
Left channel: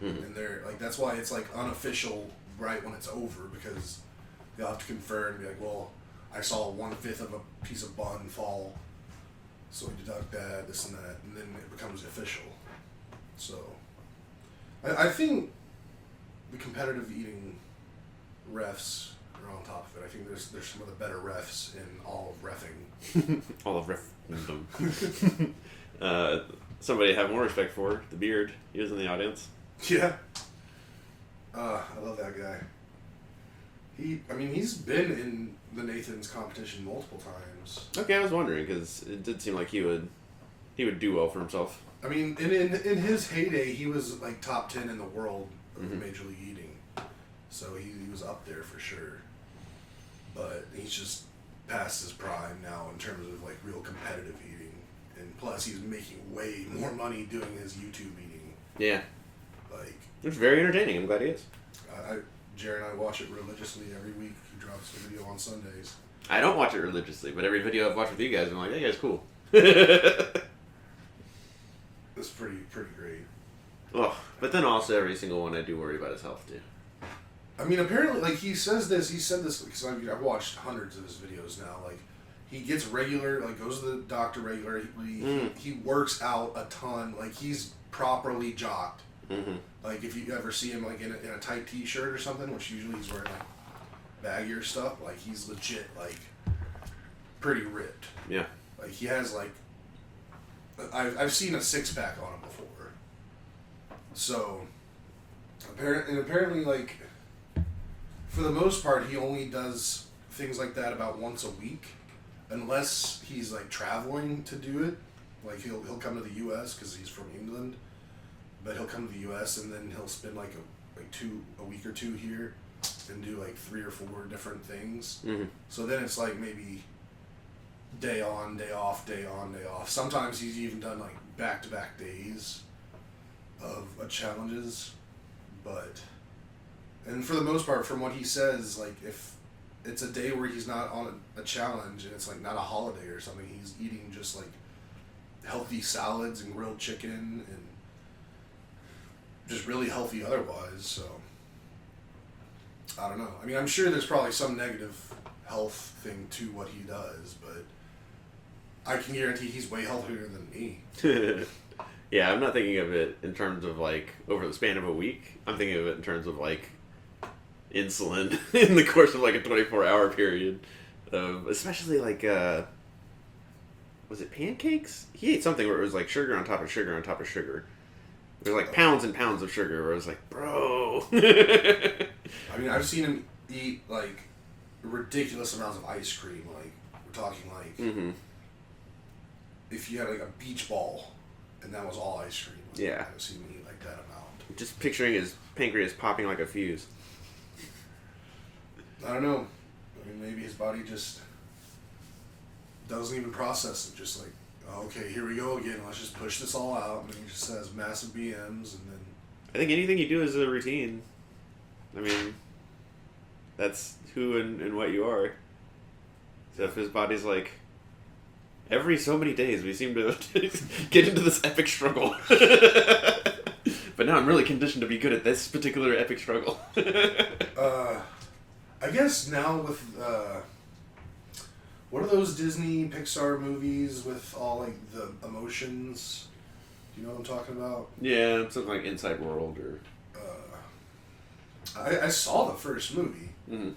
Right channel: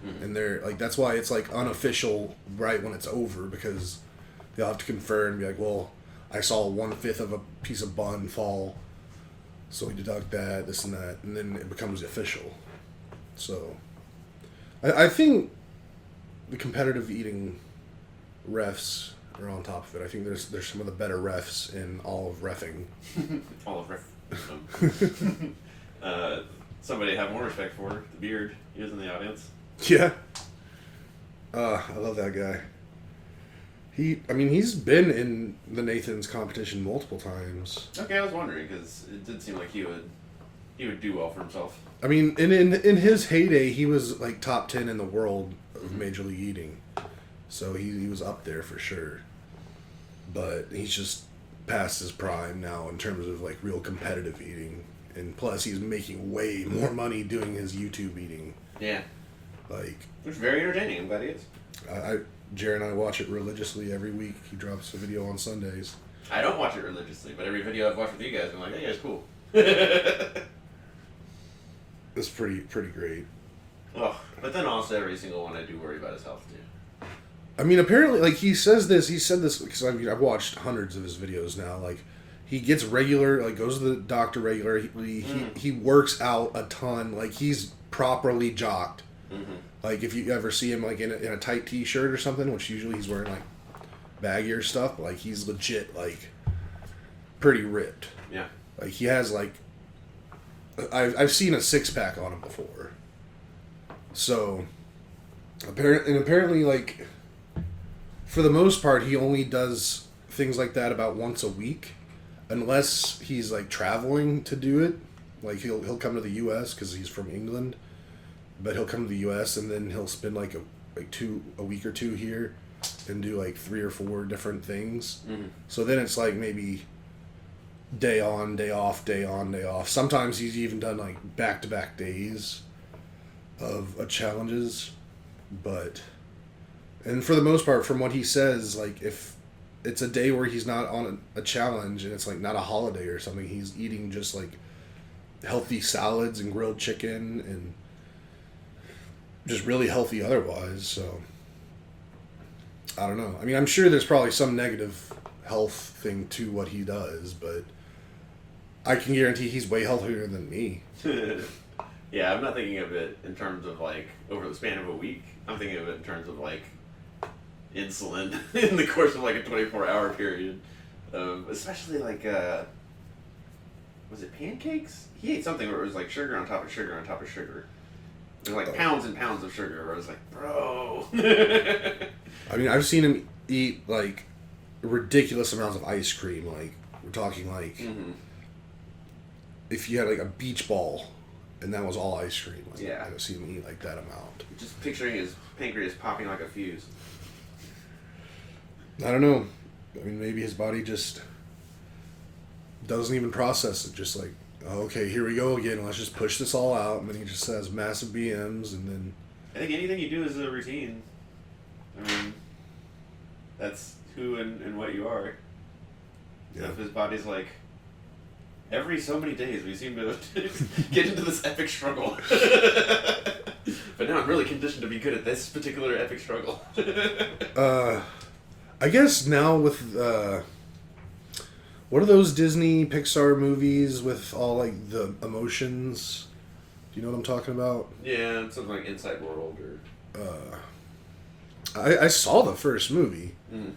and they're like that's why it's like unofficial right when it's over because they'll have to confer and be like, well, I saw 1/5 of a piece of bun fall, so we deduct that, this and that, and then it becomes official. So, I think the competitive eating refs are on top of it. I think there's some of the better refs in all of reffing. All of ref. Somebody I have more respect for, the Beard. He was in the audience. Yeah. I love that guy. He's been in the Nathan's competition multiple times. Okay, I was wondering because it did seem like he would do well for himself. I mean, in his heyday, he was like top 10 in the world of Major League Eating. So he was up there for sure. But he's just past his prime now in terms of like real competitive eating. And plus he's making way more money doing his YouTube eating. Yeah. Like it's very entertaining. I'm glad he is. Jared and I watch it religiously every week. He drops a video on Sundays. I don't watch it religiously, but every video I've watched with you guys, I'm like, hey, guys, cool. It's pretty great. Oh, but then also every single one I do worry about his health too. I mean, apparently, like he said this because I've watched hundreds of his videos now. Like, he gets regular, like goes to the doctor regular. He works out a ton. Like he's properly jocked. Mm-hmm. Like if you ever see him like in a tight T-shirt or something, which usually he's wearing like baggier stuff. But, like he's legit like pretty ripped. Yeah. Like he has like I've seen a 6-pack on him before. So apparently like. For the most part, he only does things like that about once a week, unless he's like traveling to do it. Like he'll come to the U.S. because he's from England, but he'll come to the U.S. and then he'll spend like a week or two here, and do like 3 or 4 different things. Mm-hmm. So then it's like maybe day on, day off, day on, day off. Sometimes he's even done like back-to-back days of challenges, but. And for the most part, from what he says, like if it's a day where he's not on a challenge and it's like not a holiday or something, he's eating just like healthy salads and grilled chicken and just really healthy otherwise. So I don't know. I mean, I'm sure there's probably some negative health thing to what he does, but I can guarantee he's way healthier than me. Yeah, I'm not thinking of it in terms of like over the span of a week. I'm thinking of it in terms of like insulin in the course of like a 24-hour period. Especially like, was it pancakes? He ate something where it was like sugar on top of sugar on top of sugar. There's like pounds and pounds of sugar where I was like, bro. I mean, I've seen him eat like ridiculous amounts of ice cream. Like, we're talking like, if you had like a beach ball and that was all ice cream. Like, Yeah. I've seen him eat like that amount. Just picturing his pancreas popping like a fuse. I don't know. I mean, maybe his body just doesn't even process it. Just like, oh, okay, here we go again. Let's just push this all out. And then he just has massive BMs, and then... I think anything you do is a routine. I mean, that's who and what you are. Yeah. If his body's like, every so many days we seem to get into this epic struggle. But now I'm really conditioned to be good at this particular epic struggle. I guess now with... what are those Disney Pixar movies with all like the emotions? Do you know what I'm talking about? Yeah, something like Inside World or... I saw the first movie. Mm-hmm.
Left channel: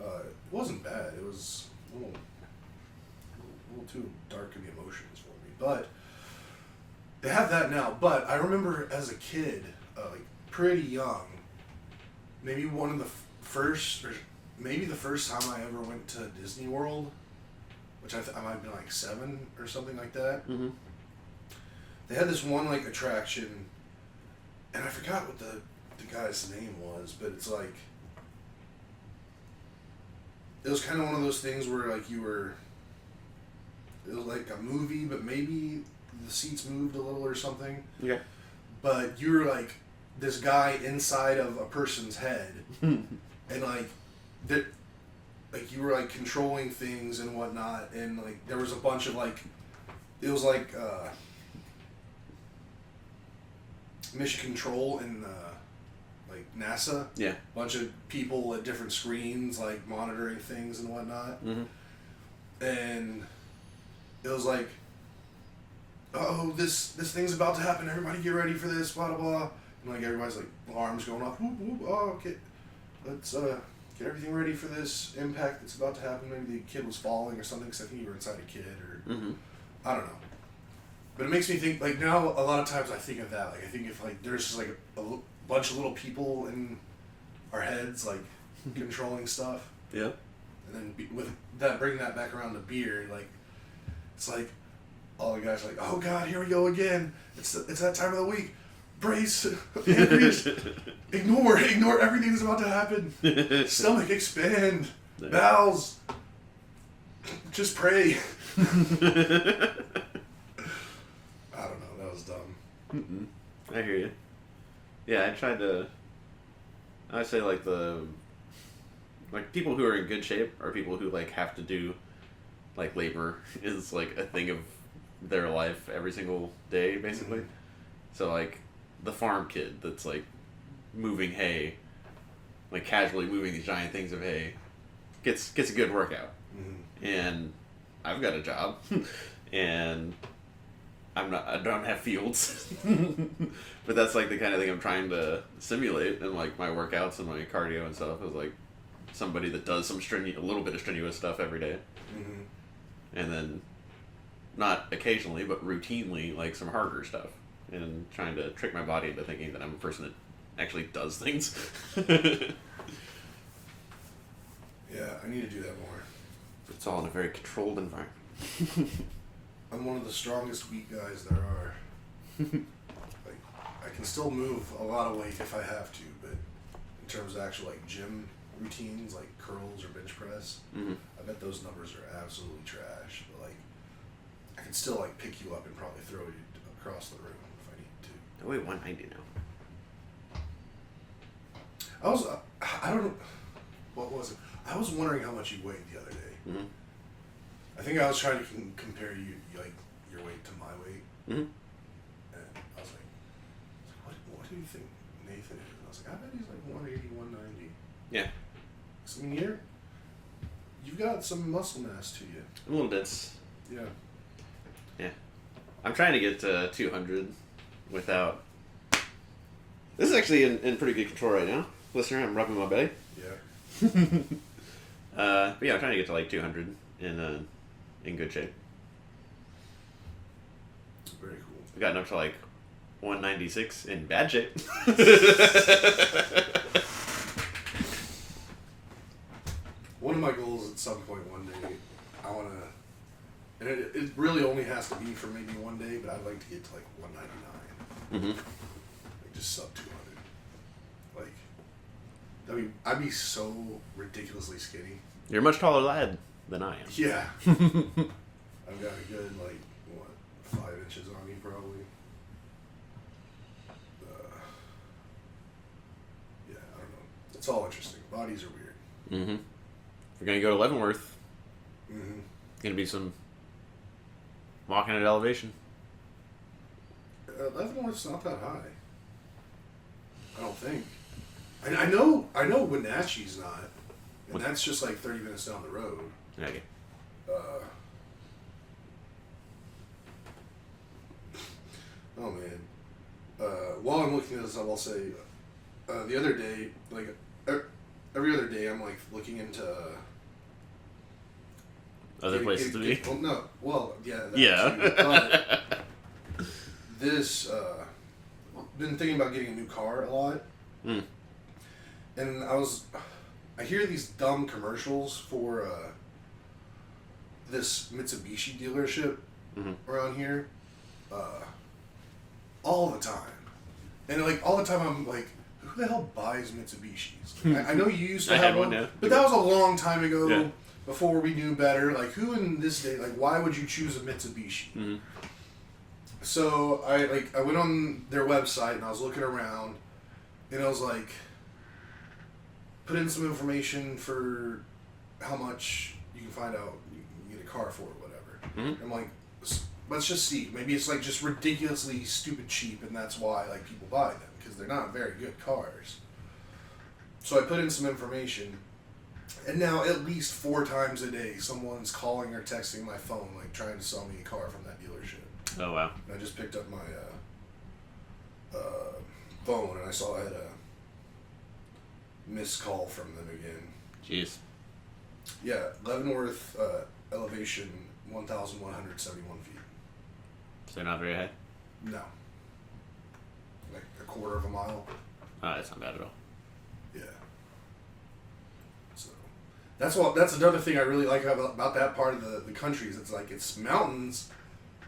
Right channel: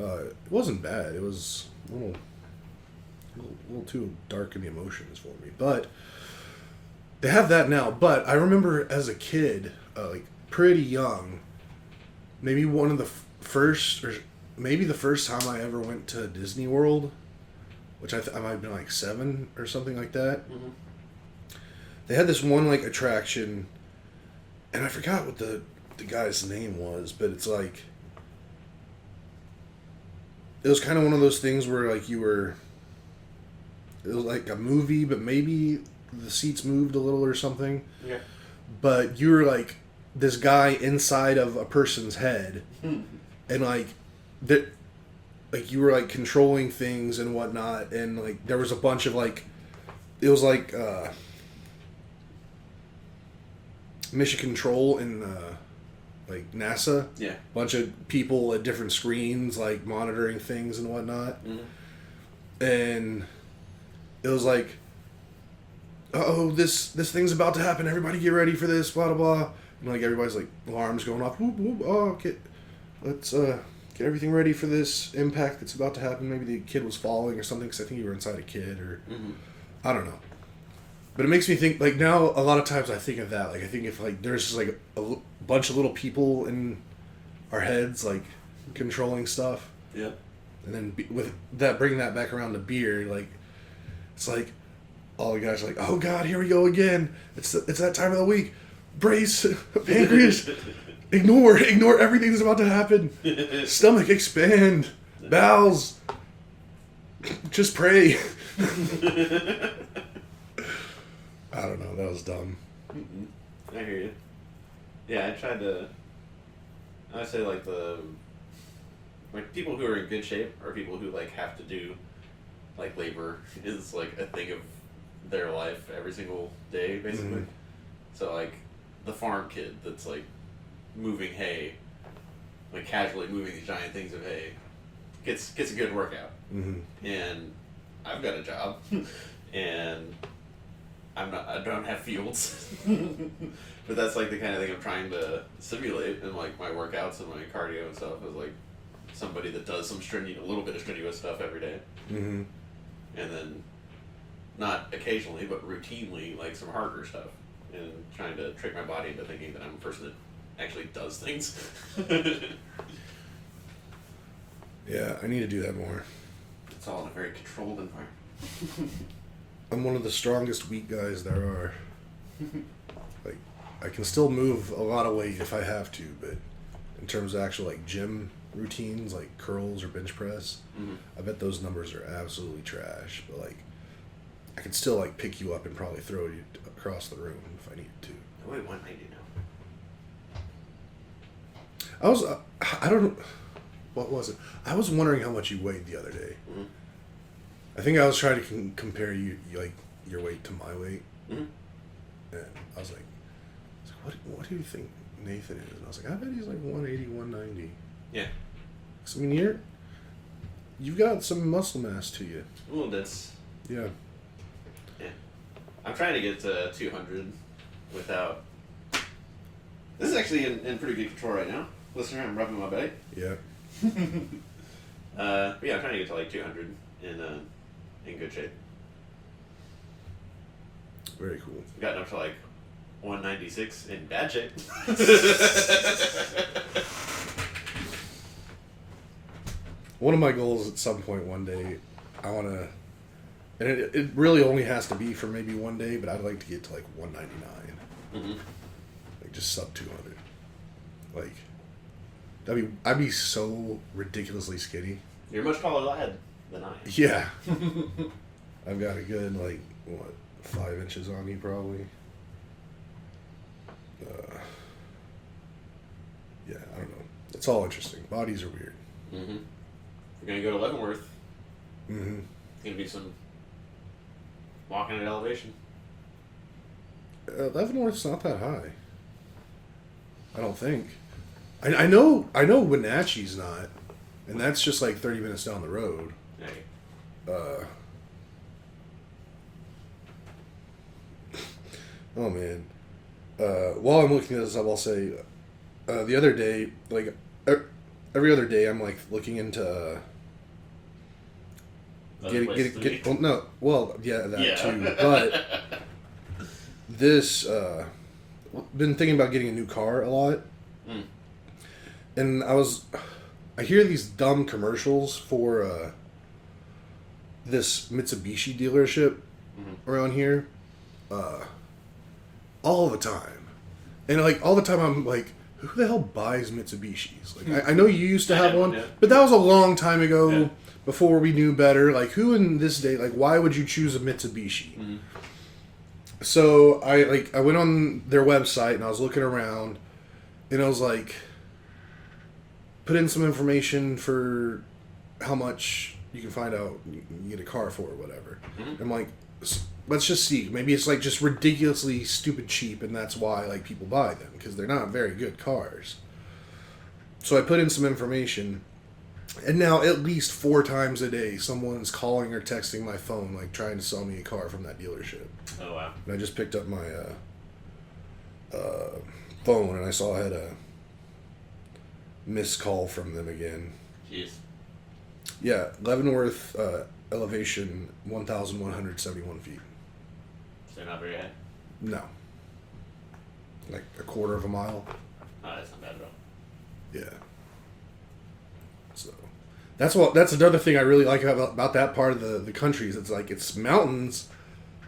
It wasn't bad. It was a little too dark in the emotions for me. But they have that now. But I remember as a kid, like pretty young, maybe one of the first, or maybe the first time I ever went to Disney World, which I might have been like 7 or something like that. Mm-hmm. They had this one like attraction, and I forgot what the guy's name was, but it's like, it was kind of one of those things where like it was like a movie, but maybe the seats moved a little or something. Yeah. But you were like this guy inside of a person's head, and like that, like you were like controlling things and whatnot, and like there was a bunch of like, it was like Mission Control in like NASA. Yeah. Bunch of people at different screens like monitoring things and whatnot. Mm-hmm. And it was like, oh, this thing's about to happen. Everybody get ready for this. Blah blah blah. And like everybody's like alarms going off. Whoop whoop. Oh, okay. Let's get everything ready for this impact that's about to happen. Maybe the kid was falling or something. Because I think you were inside a kid or I don't know. But it makes me think, like, now a lot of times I think of that. Like, I think if, like, there's just, like, a bunch of little people in our heads, like, controlling stuff. Yeah. And then with that, bringing that back around to beer, like, it's like, all the guys are like, oh, God, here we go again. It's that time of the week. Brace, pancreas, ignore everything that's about to happen. Stomach, expand. Bowels, just pray. I don't know. That was dumb. Mm-mm. I hear you. Yeah, I say like people who are in good shape or people who like have to do like labor is like a thing of their life every single day basically. Mm-hmm. So like the farm kid that's like moving hay, like casually moving these giant things of hay, gets a good workout. Mm-hmm. And I've got a job, and I don't have fields, but that's like the kind of thing I'm trying to simulate in like my workouts and my cardio and stuff. Is like somebody that does some a little bit of strenuous stuff every day, Mm-hmm. and then not occasionally but routinely like some harder stuff, and trying to trick my body into thinking that I'm a person that actually does things. Yeah, I need to do that more. It's all in a very controlled environment. I'm one of the strongest weak guys there are. Like, I can still move a lot of weight if I have to, but in terms of actual like gym routines, like curls or bench press, I bet those numbers are absolutely trash. But like, I could still like pick you up and probably throw you across the room if I needed to. I weigh 190 now. I don't know. What was it? I was wondering how much you weighed the other day. Mm-hmm. I think I was trying to compare you like your weight to my weight, Mm-hmm. and I was like, what do you think Nathan is? And I was like, I bet he's like 180, 190. Yeah. 'Cause, I mean, you've got some muscle mass to you. A little dense. Yeah. I'm trying to get to 200 without. This is actually in pretty good control right now. Listener, I'm rubbing my belly. Yeah. But yeah, I'm trying to get to like 200 in good shape. Very cool. I've gotten up to like 196 in bad shape. One of my goals at some point one day, I want to, and it really only has to be for maybe one day, but I'd like to get to like 199. Mm-hmm. Like just sub 200. Like, I'd be so ridiculously skinny. You're a much taller lad than I am. Yeah. I've got a good, like, what, 5 inches on me probably. Yeah, I don't know. It's all interesting. Bodies are weird. Mm-hmm. We're going to go to Leavenworth. Mm-hmm. Going to be some walking at elevation. Leavenworth's not that high. I don't think. I know Wenatchee's not, and that's just like 30 minutes down the road. Hey. Oh man. While I'm looking at this up, I'll say, the other day, like every other day, I'm like looking into that too. But this, been thinking about getting a new car a lot. Mm. And I hear these dumb commercials for this Mitsubishi dealership around here all the time. And like all the time I'm like, who the hell buys Mitsubishis? Like I know you used to have one, but that was a long time ago before we knew better. Like who in this day, like why would you choose a Mitsubishi? Mm-hmm. So I went on their website and I was looking around and I was like, put in some information for how much you can find out you can get a car for or whatever. Mm-hmm. I'm like, let's just see. Maybe it's like just ridiculously stupid cheap and that's why like people buy them because they're not very good cars. So I put in some information and now at least 4 times a day someone's calling or texting my phone like trying to sell me a car from that dealership. Oh wow. And I just picked up my phone and I saw I had a missed call from them again. Jeez. Yeah, Leavenworth elevation 1,171 feet. So not very high? No. Like a quarter of a mile. Oh, that's not bad at all. Yeah. So that's another thing I really like about that part of the country is it's like it's mountains,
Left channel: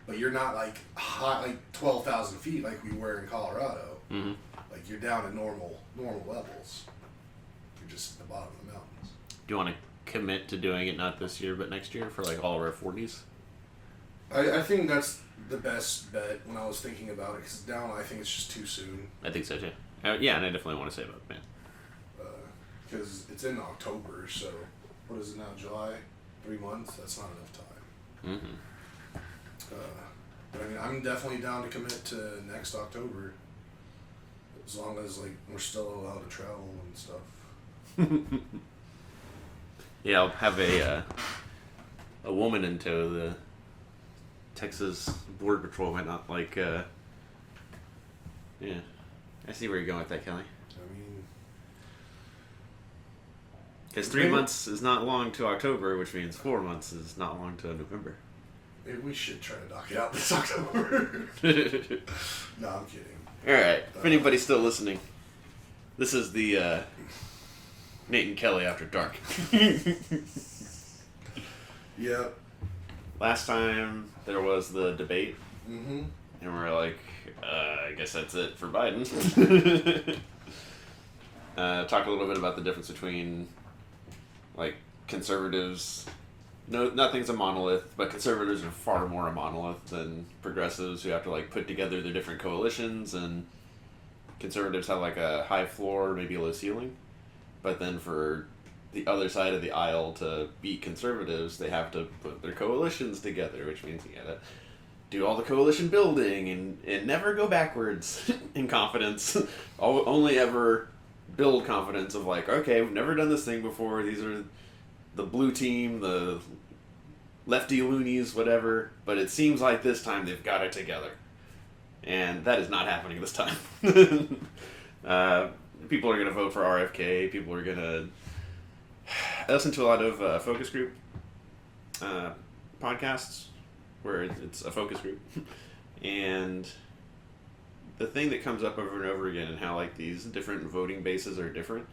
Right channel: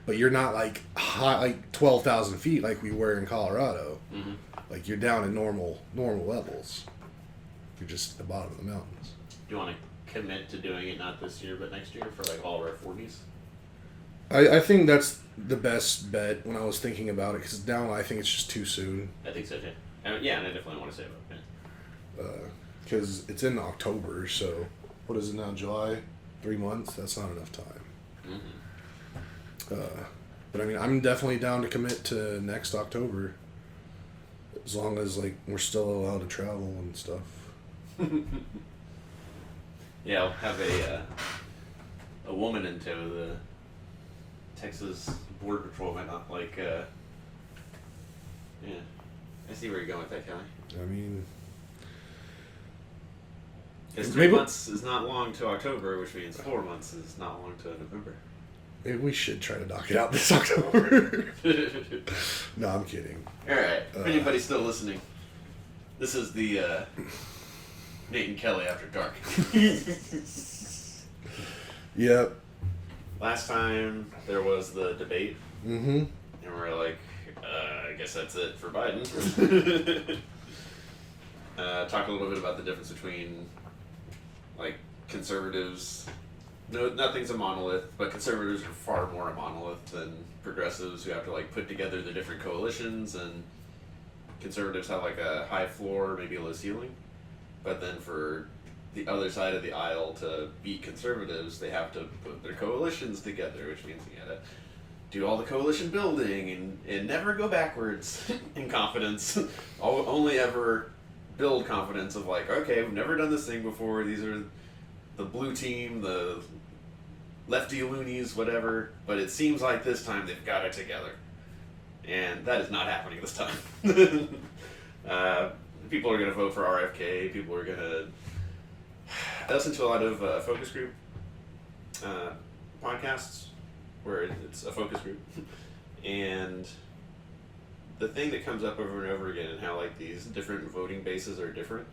but you're not like high like 12,000 feet like we were in Colorado. Mm-hmm. Like you're down at normal levels. You're just at the bottom of the mountains. Do you want to commit to doing it not this year but next year for like all of our 40s? I think that's the best bet when I was thinking about it because now I think it's just too soon. I think so too. Yeah, and I definitely want to save up, man. Because it's in October, so what is it now, July? 3 months? That's not enough time. Mm-hmm. But I mean, I'm definitely down to commit to next October as long as like we're still allowed to travel and stuff. Yeah, I'll have a woman in tow. The Texas Border Patrol might not like. Yeah, I see where you're going with that, Kelly. I mean, because 3 months is not long to October, which means 4 months is not long to November. Maybe we should try to knock it out this October. No, I'm kidding. All right, if anybody's still listening, this is the Nate and Kelly After Dark. Yep. Last time there was the debate, mm-hmm. and we're like, I guess that's it for Biden. Talk a little bit about the difference between, like, conservatives. No, nothing's a monolith, but conservatives are far more a monolith than progressives who have to, like, put together the different coalitions, and conservatives have, like, a high floor, maybe a low ceiling. But then for the other side of the aisle to beat conservatives, they have to put their coalitions together, which means you gotta do all the coalition building and never go backwards in confidence. Only ever build confidence of like, okay, we've never done this thing before. These are the blue team, the lefty loonies, whatever, but it seems like this time they've got it together. And that is not happening this time. People are going to vote for RFK. People are going to... I listen to a lot of focus group podcasts where it's a focus group. And the thing that comes up over and over again and how like these different voting bases are different.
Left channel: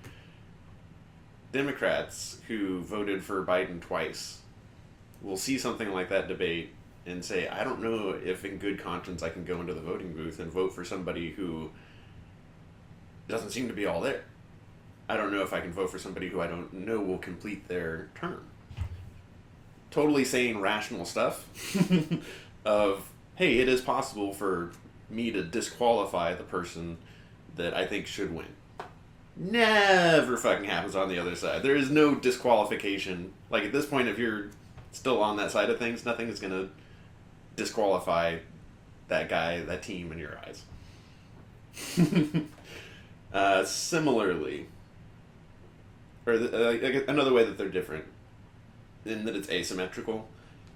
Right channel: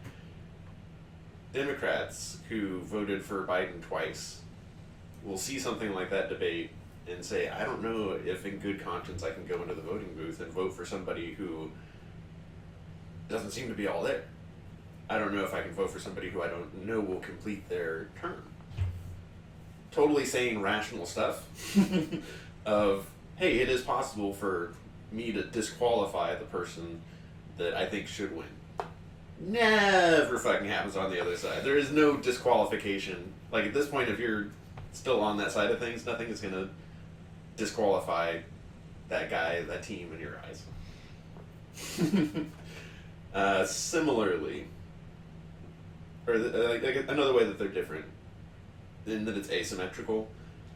Democrats who voted for Biden twice will see something like that debate and say, I don't know if in good conscience I can go into the voting booth and vote for somebody who doesn't seem to be all there. I don't know if I can vote for somebody who I don't know will complete their term. Totally saying rational stuff of, hey, it is possible for me to disqualify the person that I think should win. Never fucking happens on the other side. There is no disqualification. Like, at this point, if you're still on that side of things, nothing is going to disqualify that guy, that team in your eyes. Similarly, or another way that they're different, in that it's asymmetrical,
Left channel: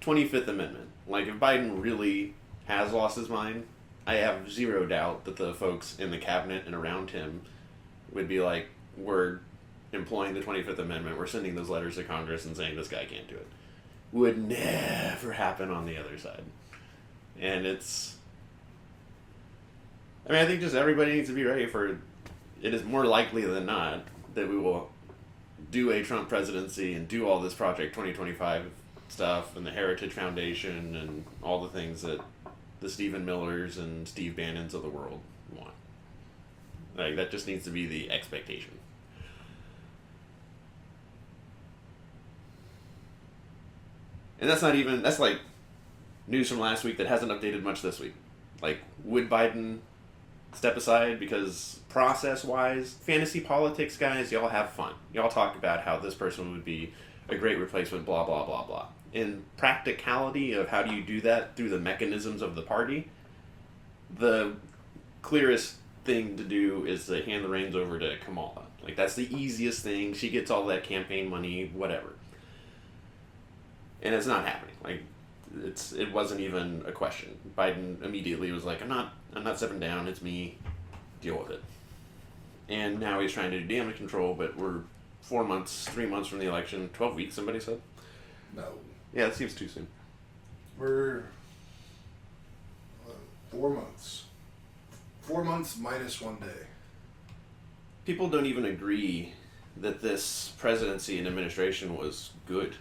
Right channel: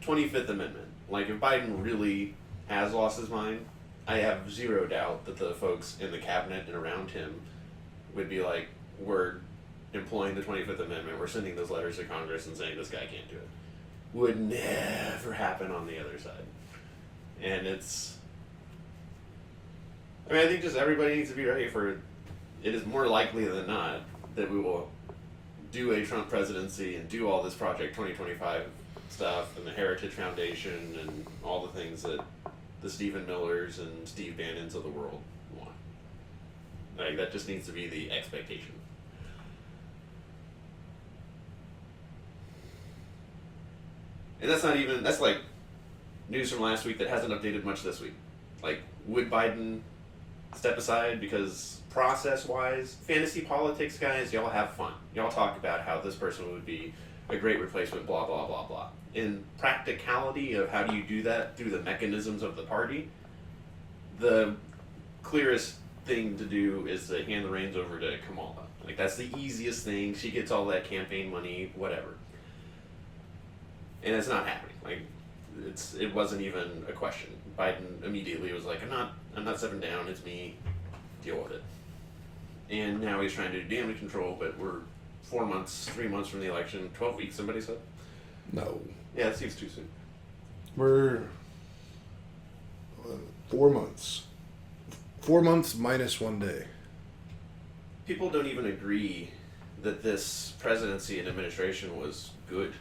25th Amendment. Like, if Biden really has lost his mind, I have zero doubt that the folks in the cabinet and around him would be like, we're employing the 25th Amendment, we're sending those letters to Congress and saying this guy can't do it. Would never happen on the other side. And it's... I mean, I think just everybody needs to be ready for it. It is more likely than not that we will do a Trump presidency and do all this Project 2025 stuff and the Heritage Foundation and all the things that the Stephen Millers and Steve Bannons of the world want. Like, that just needs to be the expectation. And that's not even, that's like news from last week that hasn't updated much this week. Like, would Biden step aside because process-wise, fantasy politics, guys, y'all have fun. Y'all talk about how this person would be a great replacement, blah, blah, blah, blah. In practicality of how do you do that through the mechanisms of the party, the clearest thing to do is to hand the reins over to Kamala. Like, that's the easiest thing. She gets all that campaign money, whatever. And it's not happening. Like, it wasn't even a question. Biden immediately was like, I'm not stepping down, it's me, deal with it. And now he's trying to do damage control, but we're 3 months from the election, 12 weeks, somebody said? No. Yeah, it seems too soon. We're 4 months. 4 months minus 1 day. People don't even agree that this presidency and administration was good.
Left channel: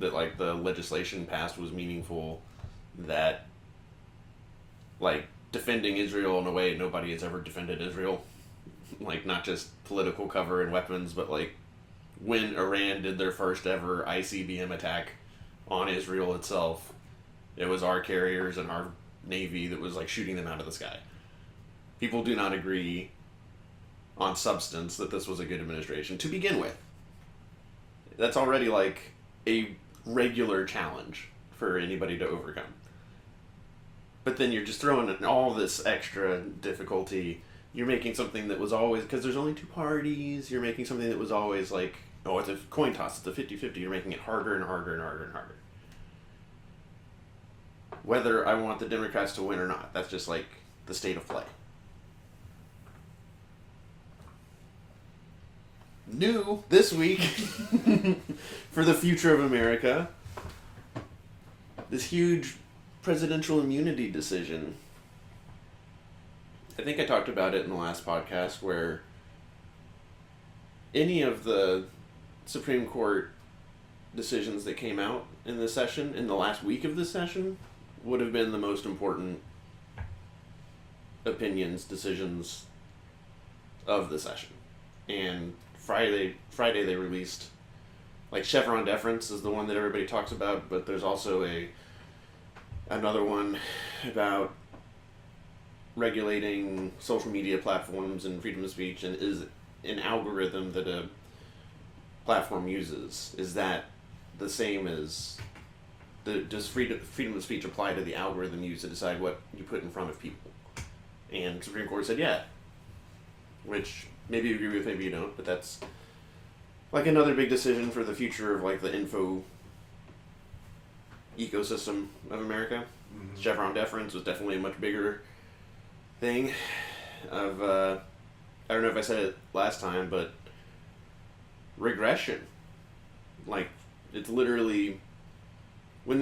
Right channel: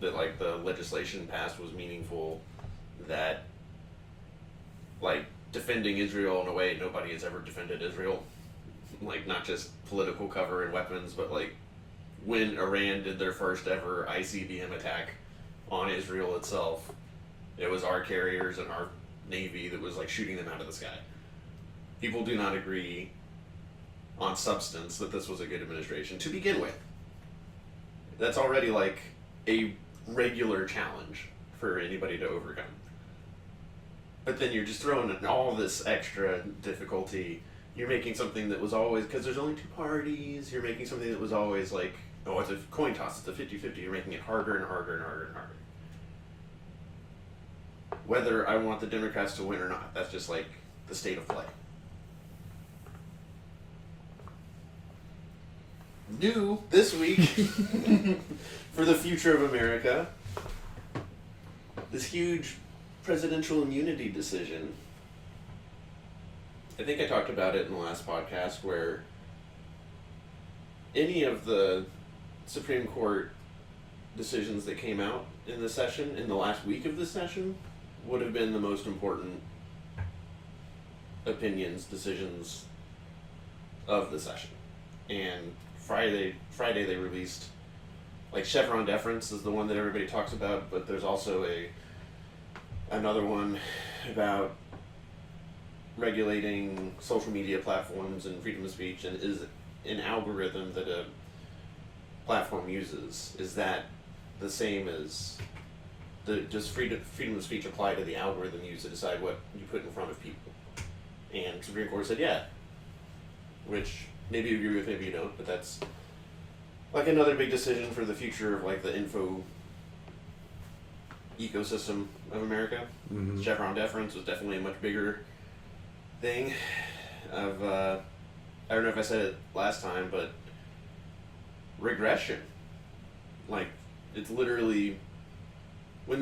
That, like, the legislation passed was meaningful. That, like, defending Israel in a way nobody has ever defended Israel. Like, not just political cover and weapons, but, like, when Iran did their first ever ICBM attack on Israel itself, it was our carriers and our Navy that was, like, shooting them out of the sky. People do not agree on substance that this was a good administration to begin with. That's already, like, a regular challenge for anybody to overcome. But then you're just throwing in all this extra difficulty. You're making something that was always, because there's only two parties, you're making something that was always like, oh, it's a coin toss, it's a 50-50, you're making it harder and harder and harder and harder. Whether I want the Democrats to win or not, that's just like the state of play. New this week for the future of America, this huge presidential immunity decision. I think I talked about it in the last podcast, where any of the Supreme Court decisions that came out in this session, in the last week of this session, would have been the most important opinions, decisions of the session. And Friday they released, like, Chevron deference is the one that everybody talks about, but there's also another one about regulating social media platforms and freedom of speech, and is an algorithm that a platform uses, is that the same as, does freedom of speech apply to the algorithm used to decide what you put in front of people? And Supreme Court said yeah, which maybe you agree with, maybe you don't, but that's like another big decision for the future of, like, the ecosystem of America. Mm-hmm. Chevron deference was definitely a much bigger thing. Of I don't know if I said it last time, but regression. Like, it's literally when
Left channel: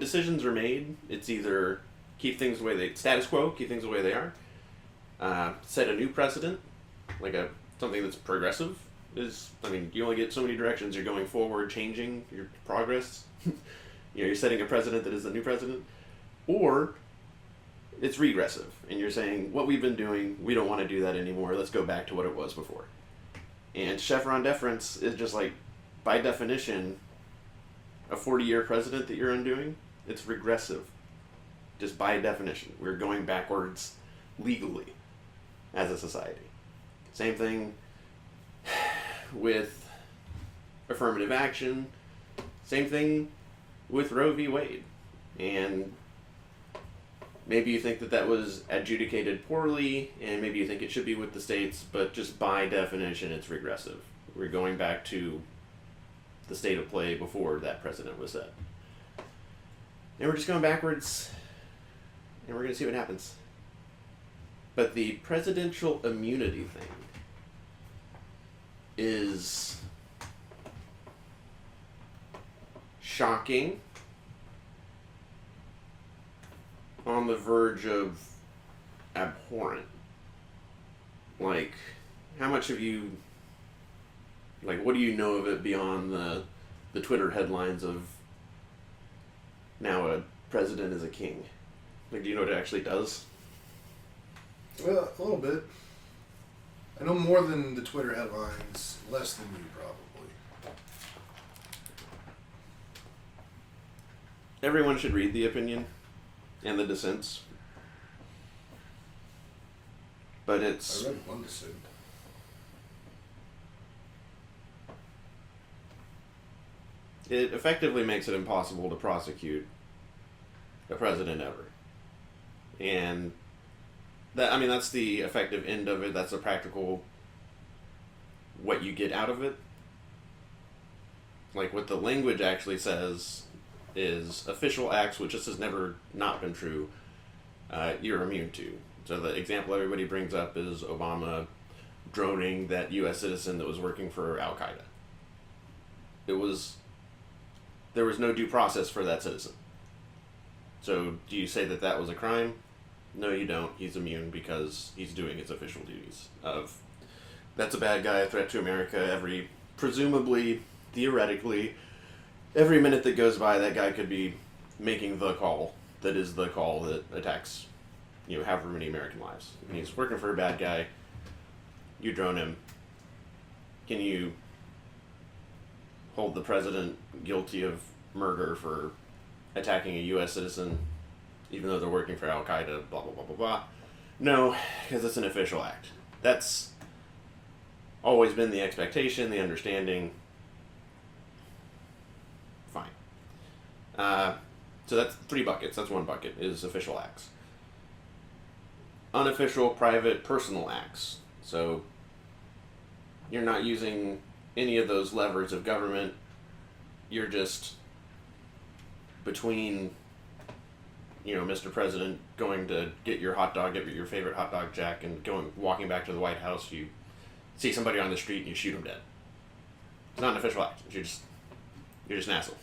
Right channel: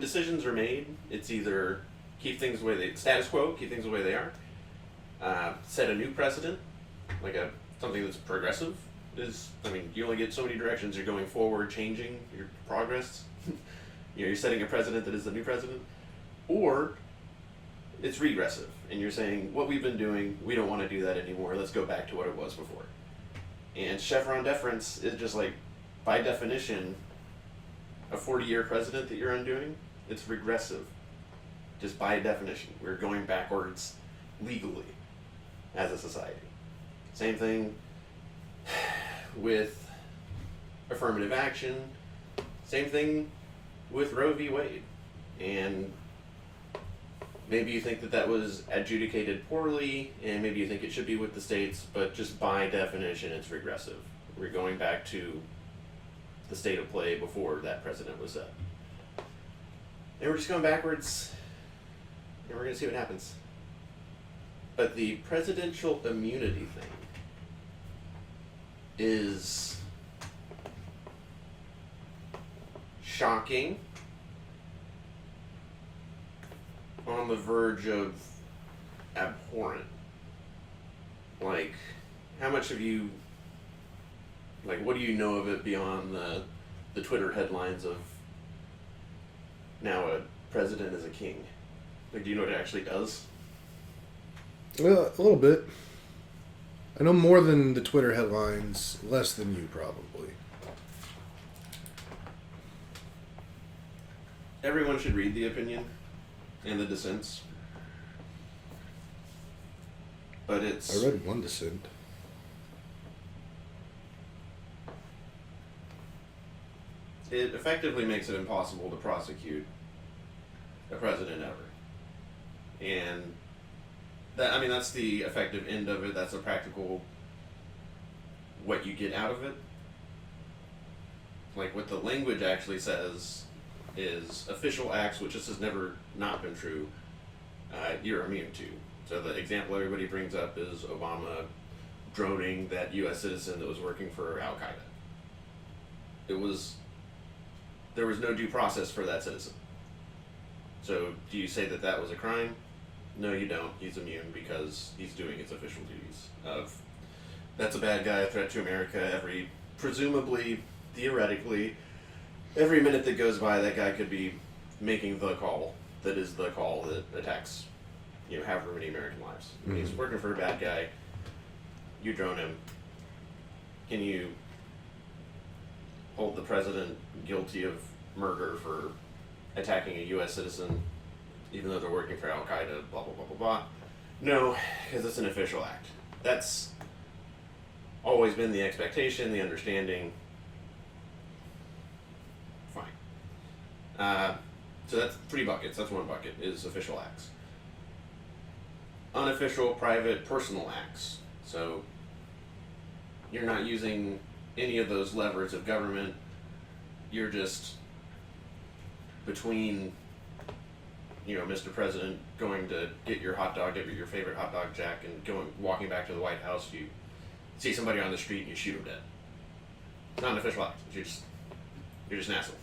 decisions are made, it's either keep things the way they status quo, keep things the way they are, set a new precedent, like something that's progressive. You only get so many directions you're going forward, changing your progress. You're setting a precedent that is the new precedent, or it's regressive, and you're saying what we've been doing, we don't want to do that anymore. Let's go back to what it was before. And Chevron deference is just like, by definition, a 40-year precedent that you're undoing. It's regressive, just by definition. We're going backwards legally as a society. Same thing with affirmative action. Same thing with Roe v. Wade. And maybe you think that was adjudicated poorly, and maybe you think it should be with the states, but just by definition, it's regressive. We're going back to the state of play before that precedent was set. And we're just going backwards, and we're going to see what happens. But the presidential immunity thing is shocking, on the verge of abhorrent. Like, how much have you, like, what do you know of it beyond the Twitter headlines of now a president is a king? Like, do you know what it actually does? Well, a little bit. I know more than the Twitter headlines, less than you probably. Everyone should read the opinion and the dissents. But it's... I read one dissent. It effectively makes it impossible to prosecute a president ever. And that's the effective end of it. That's a practical what you get out of it. Like, what the language actually says is official acts, which this has never not been true, you're immune to. So the example everybody brings up is Obama droning that U.S. citizen that was working for Al-Qaeda. There was no due process for that citizen. So do you say that was a crime? No, you don't. He's immune because he's doing his official duties. That's a bad guy, a threat to America. Presumably, theoretically, every minute that goes by, that guy could be making the call that is the call that attacks, however many American lives. Mm-hmm. He's working for a bad guy. You drone him. Can you hold the president guilty of murder for attacking a U.S. citizen, even though they're working for Al-Qaeda, blah, blah, blah, blah, blah? No, because it's an official act. That's always been the expectation, the understanding. Fine. So that's 3 buckets. That's 1 bucket, is official acts. Unofficial, private, personal acts. So you're not using any of those levers of government. You're just between, Mr. President going to get your hot dog, get your favorite hot dog jack, and walking back to the White House. You see somebody on the street and you shoot them dead. It's not an official act. You're just an asshole.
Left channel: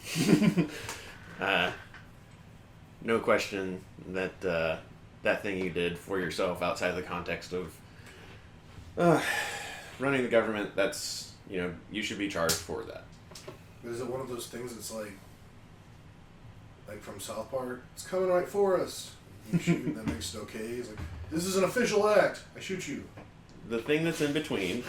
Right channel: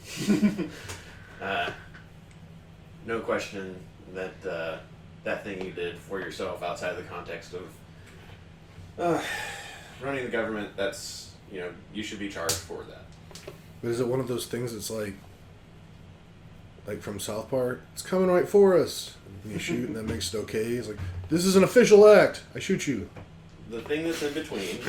No question that that thing you did for yourself outside the context of running the government, that's, you should be charged for that. But is it one of those things that's like from South Park? It's coming right for us. And you shoot and that makes it okay. It's like, this is an official act. I shoot you. The thing that's in between,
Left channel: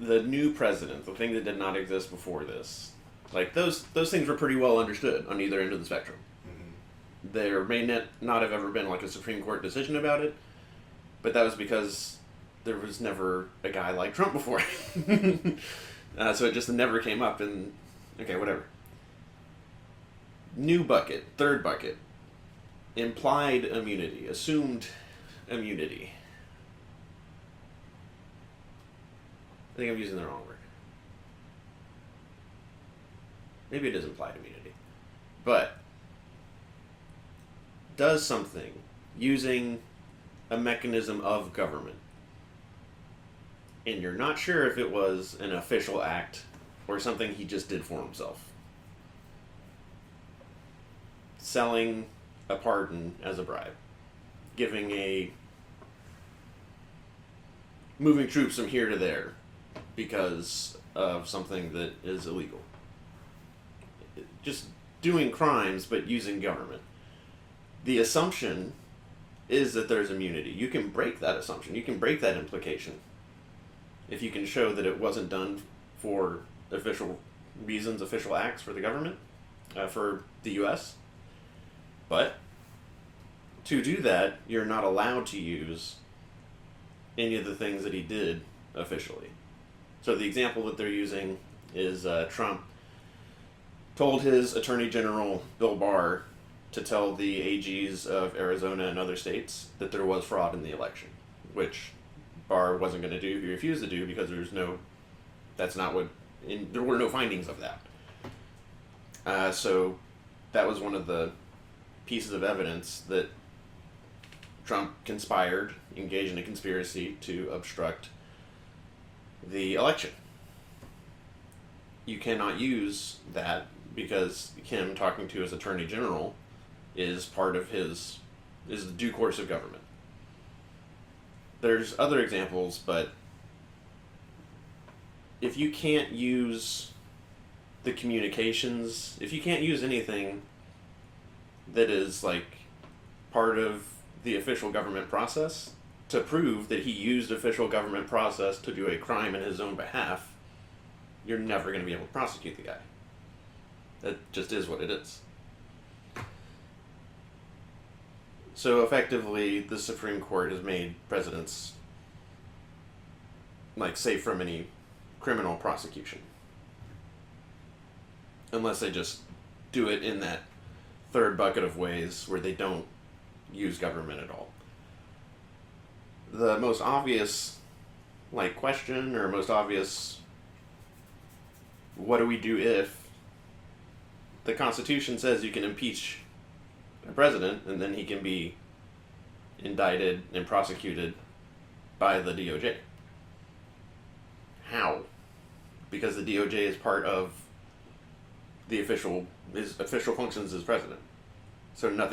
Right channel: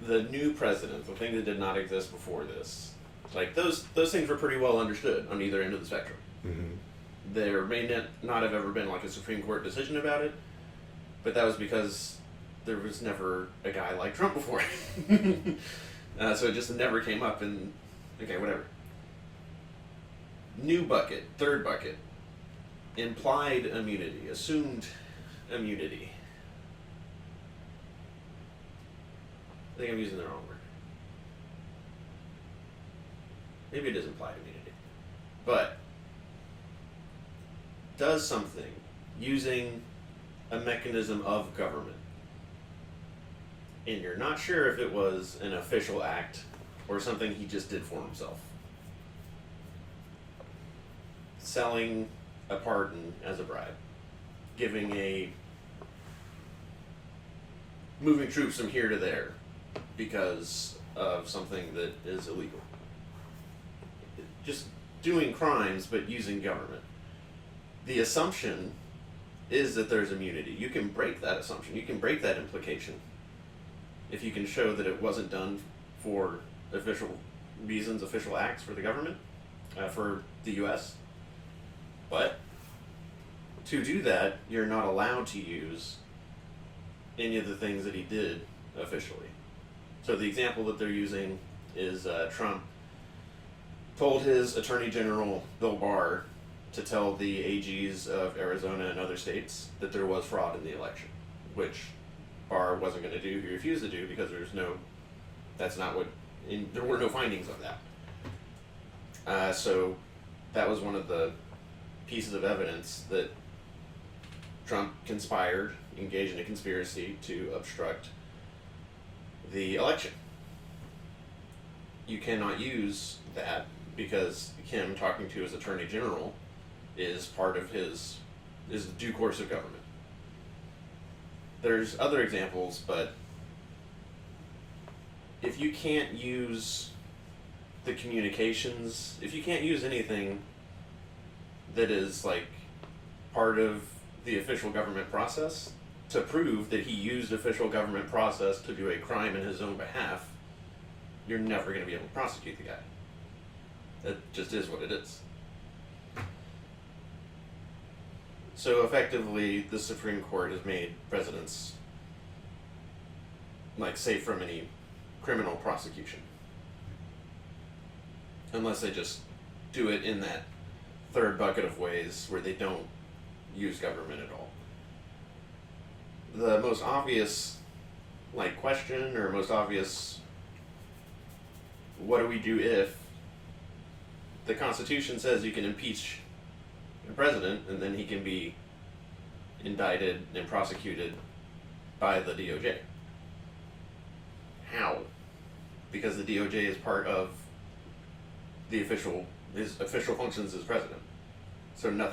the new president, the thing that did not exist before this, like those things were pretty well understood on either end of the spectrum. Mm-hmm. There may not have ever been like a Supreme Court decision about it, but that was because there was never a guy like Trump before. So it just never came up, and okay, whatever. New bucket, 3rd bucket, implied immunity, assumed immunity. I think I'm using the wrong word. maybe it is implied immunity, but does something using a mechanism of government, and you're not sure if it was an official act or something he just did for himself. Selling a pardon as a bribe, moving troops from here to there because of something that is illegal. Just doing crimes but using government. The assumption is that there's immunity. You can break that assumption. You can break that implication if you can show that it wasn't done for official reasons, official acts for the government, for the U.S. But to do that, you're not allowed to use any of the things that he did officially. So the example that they're using is Trump told his Attorney General, Bill Barr, to tell the AGs of Arizona and other states that there was fraud in the election, which Barr wasn't going to do. He refused to do because there were no findings of that. So that was one of the pieces of evidence that Trump conspired, engaged in a conspiracy to obstruct the election. You cannot use that because him talking to his Attorney General is part of is the due course of government. There's other examples, but if you can't use the communications, if you can't use anything that is like part of the official government process to prove that he used official government process to do a crime in his own behalf, you're never going to be able to prosecute the guy. That just is what it is. So effectively, the Supreme Court has made presidents safe from any criminal prosecution. Unless they just do it in that third bucket of ways where they don't use government at all. The most obvious question, or most obvious what do we do if the Constitution says you can impeach a president and then he can be indicted and prosecuted by the DOJ. How? Because the DOJ is part of his official functions as president. So none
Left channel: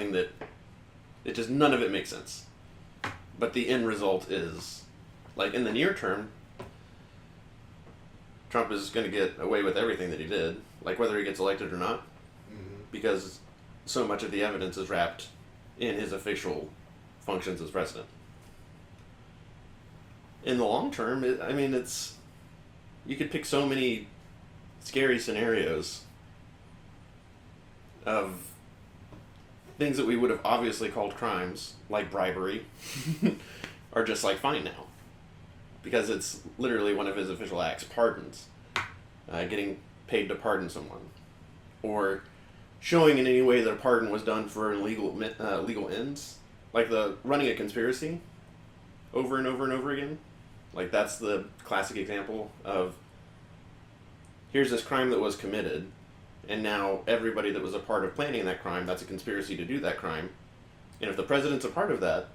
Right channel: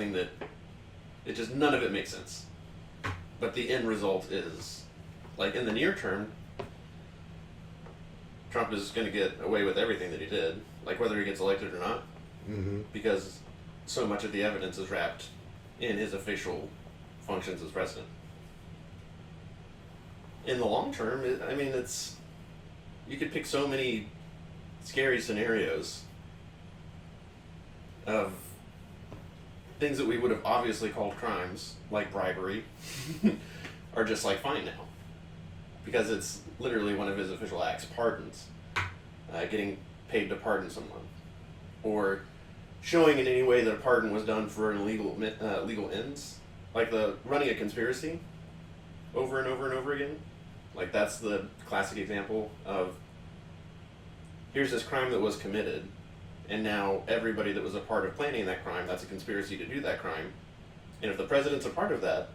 of it makes sense. But the end result is, in the near term, Trump is going to get away with everything that he did, whether he gets elected or not, because so much of the evidence is wrapped in his official functions as president. In the long term, you could pick so many scary scenarios of things that we would have obviously called crimes, like bribery, are just fine now. Because it's literally one of his official acts, pardons. Getting paid to pardon someone. Or showing in any way that a pardon was done for legal ends. Like the running a conspiracy over and over and over again. That's the classic example of, here's this crime that was committed, and now everybody that was a part of planning that crime, that's a conspiracy to do that crime. And if the president's a part of that,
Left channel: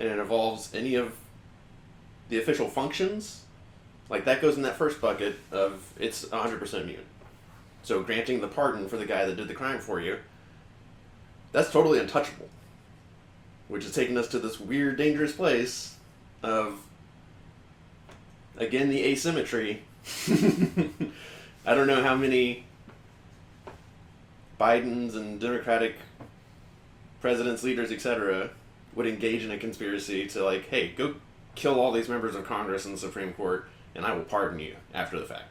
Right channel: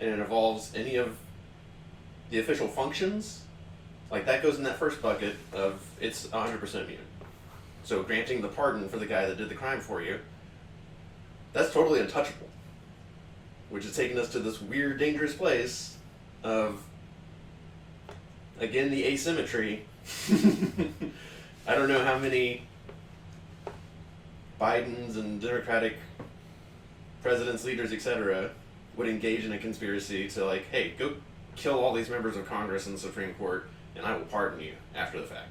and it involves any of the official functions, that goes in that first bucket of it's 100% immune. So granting the pardon for the guy that did the crime for you, that's totally untouchable. Which is taking us to this weird, dangerous place of, again, the asymmetry. I don't know how many Bidens and Democratic presidents, leaders, etc. would engage in a conspiracy to hey, go kill all these members of Congress and the Supreme Court, and I will pardon you after the fact.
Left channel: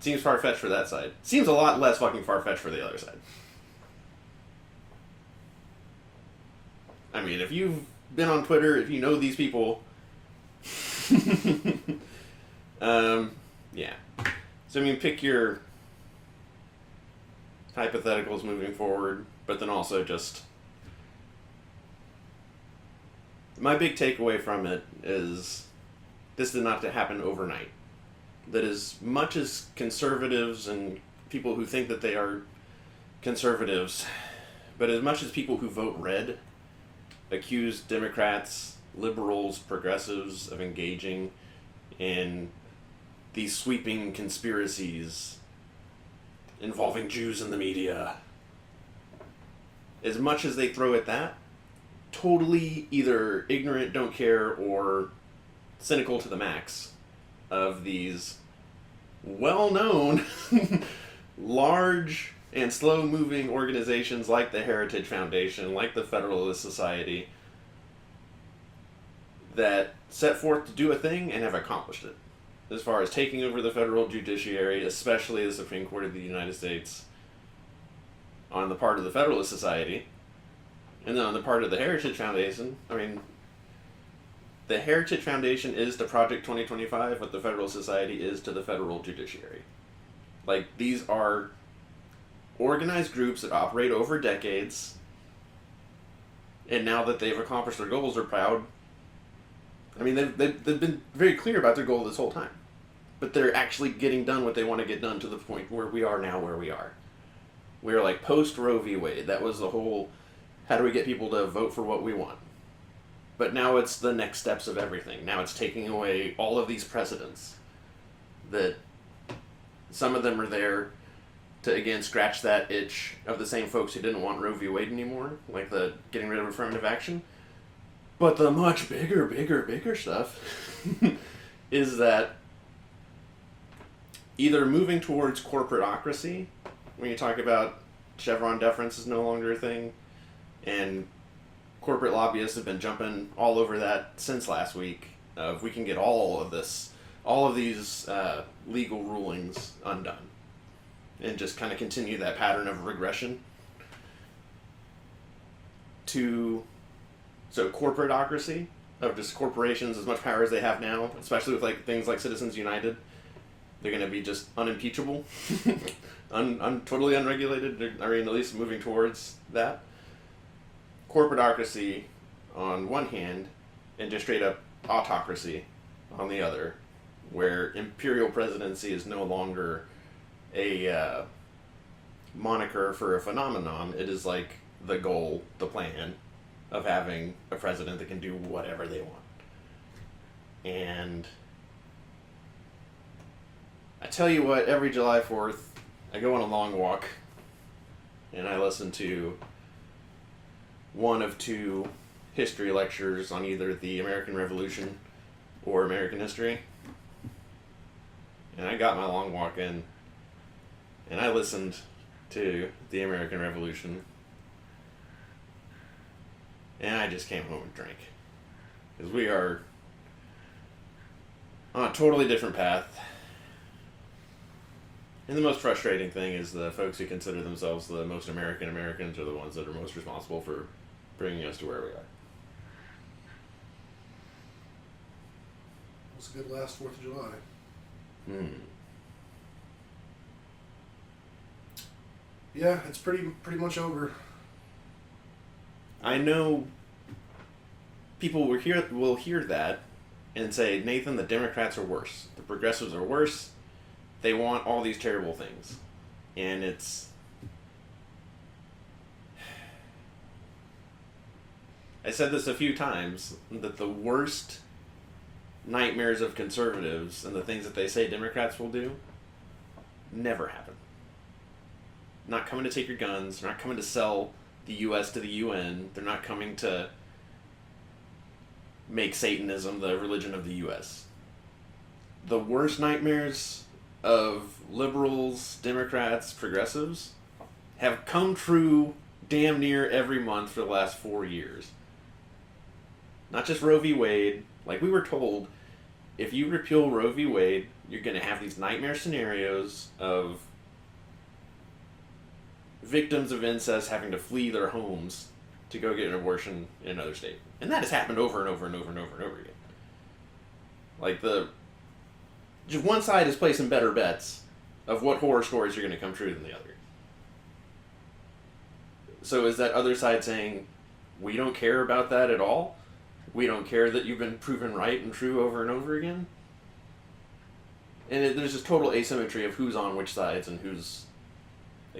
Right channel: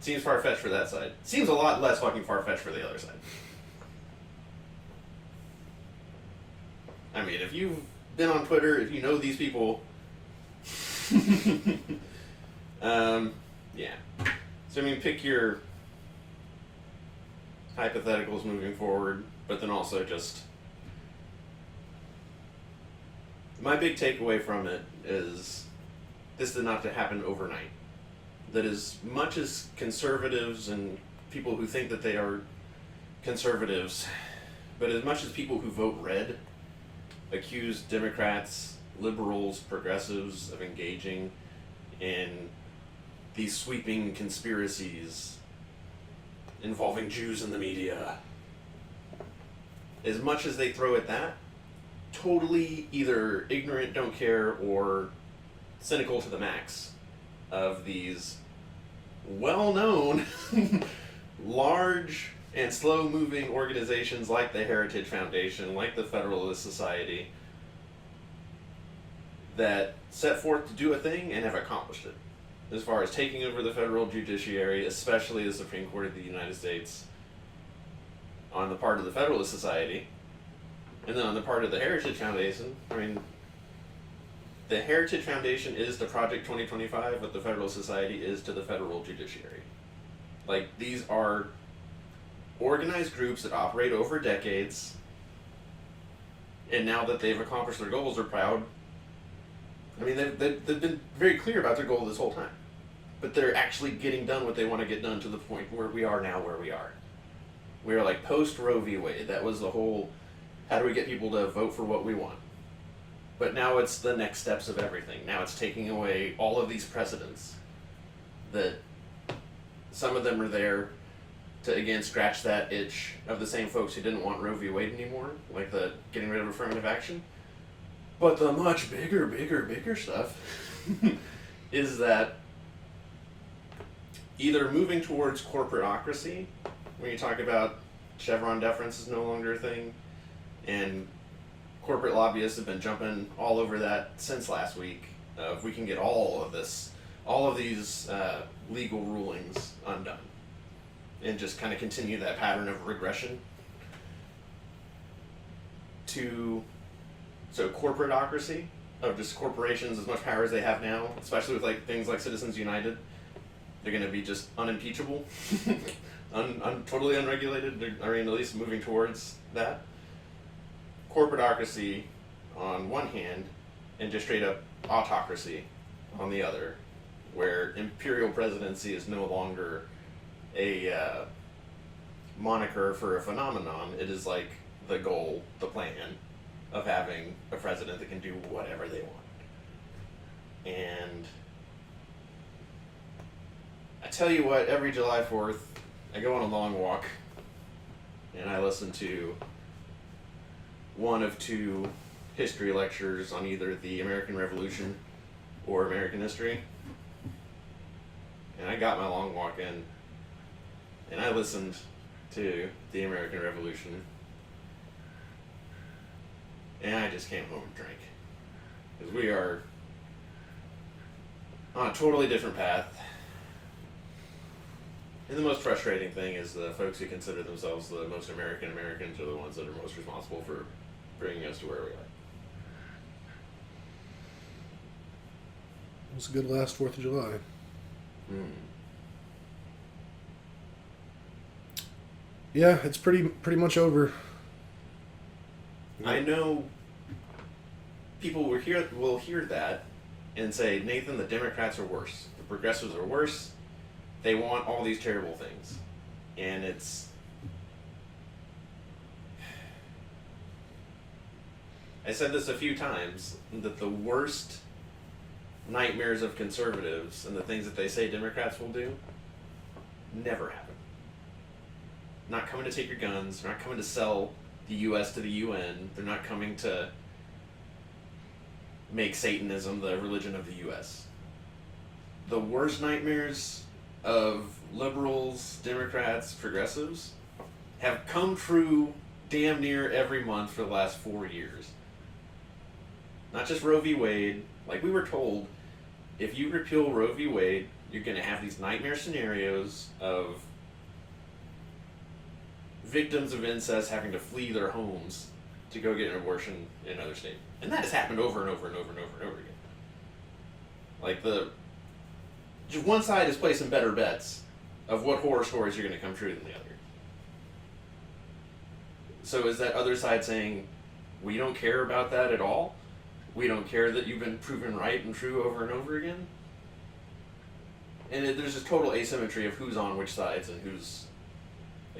Seems far-fetched for that side. Seems a lot less fucking far-fetched for the other side. If you've been on Twitter, if you know these people, yeah. So pick your hypotheticals moving forward, but then also just, my big takeaway from it is this did not have to happen overnight. that as much as conservatives and people who think that they are conservatives, but as much as people who vote red accuse Democrats, liberals, progressives of engaging in these sweeping conspiracies involving Jews in the media, as much as they throw at that, totally either ignorant, don't care, or cynical to the max of these well-known, large and slow-moving organizations like the Heritage Foundation, like the Federalist Society, that set forth to do a thing and have accomplished it. As far as taking over the federal judiciary, especially the Supreme Court of the United States, on the part of the Federalist Society, and then on the part of the Heritage Foundation, I mean, the Heritage Foundation is to Project 2025 what the Federal Society is to the federal judiciary. Like, these are organized groups that operate over decades, and now that they've accomplished their goals, are proud. I mean, they've been very clear about their goal this whole time. But they're actually getting done what they want to get done to the point where we are now where we are. We're like post Roe v. Wade. That was the whole, how do we get people to vote for what we want? But now it's the next steps of everything. Now it's taking away all of these precedents that some of them are there to, again, scratch that itch of the same folks who didn't want Roe v. Wade anymore, like the getting rid of affirmative action. But the much bigger stuff is that either moving towards corporatocracy, when you talk about Chevron deference is no longer a thing, and corporate lobbyists have been jumping all over that since last week. If we can get all of these legal rulings undone, and just kind of continue that pattern of regression to, so corporatocracy, of just corporations as much power as they have now, especially with like things like Citizens United, they're going to be just unimpeachable, totally unregulated. I mean, at least moving towards that. Corporatocracy on one hand, and just straight up autocracy on the other, where imperial presidency is no longer a moniker for a phenomenon. It is like the goal, the plan of having a president that can do whatever they want. And I tell you what, every July 4th, I go on a long walk and I listen to one of two history lectures on either the American Revolution or American history. And I got my long walk in and I listened to the American Revolution. And I just came home and drank. Because we are on a totally different path. And the most frustrating thing is the folks who consider themselves the most American Americans are the ones that are most responsible for bringing us to where we are. It was a good last 4th of July. Yeah, it's pretty much over. I know people will hear that and say, Nathan, the Democrats are worse. The progressives are worse. They want all these terrible things. And it's... I said this a few times, that the worst nightmares of conservatives and the things that they say Democrats will do never happen. Not coming to take your guns, not coming to sell the U.S. to the UN, they're not coming to make Satanism the religion of the U.S. The worst nightmares of liberals, Democrats, progressives have come true damn near every month for the last 4 years. Not just Roe v. Wade. Like we were told, if you repeal Roe v. Wade, you're going to have these nightmare scenarios of victims of incest having to flee their homes to go get an abortion in another state. And that has happened over and over and over and over and over again. Like just one side is placing better bets of what horror stories are going to come true than the other. So is that other side saying, we don't care about that at all? We don't care that you've been proven right and true over and over again? And there's just total asymmetry of who's on which sides and who's.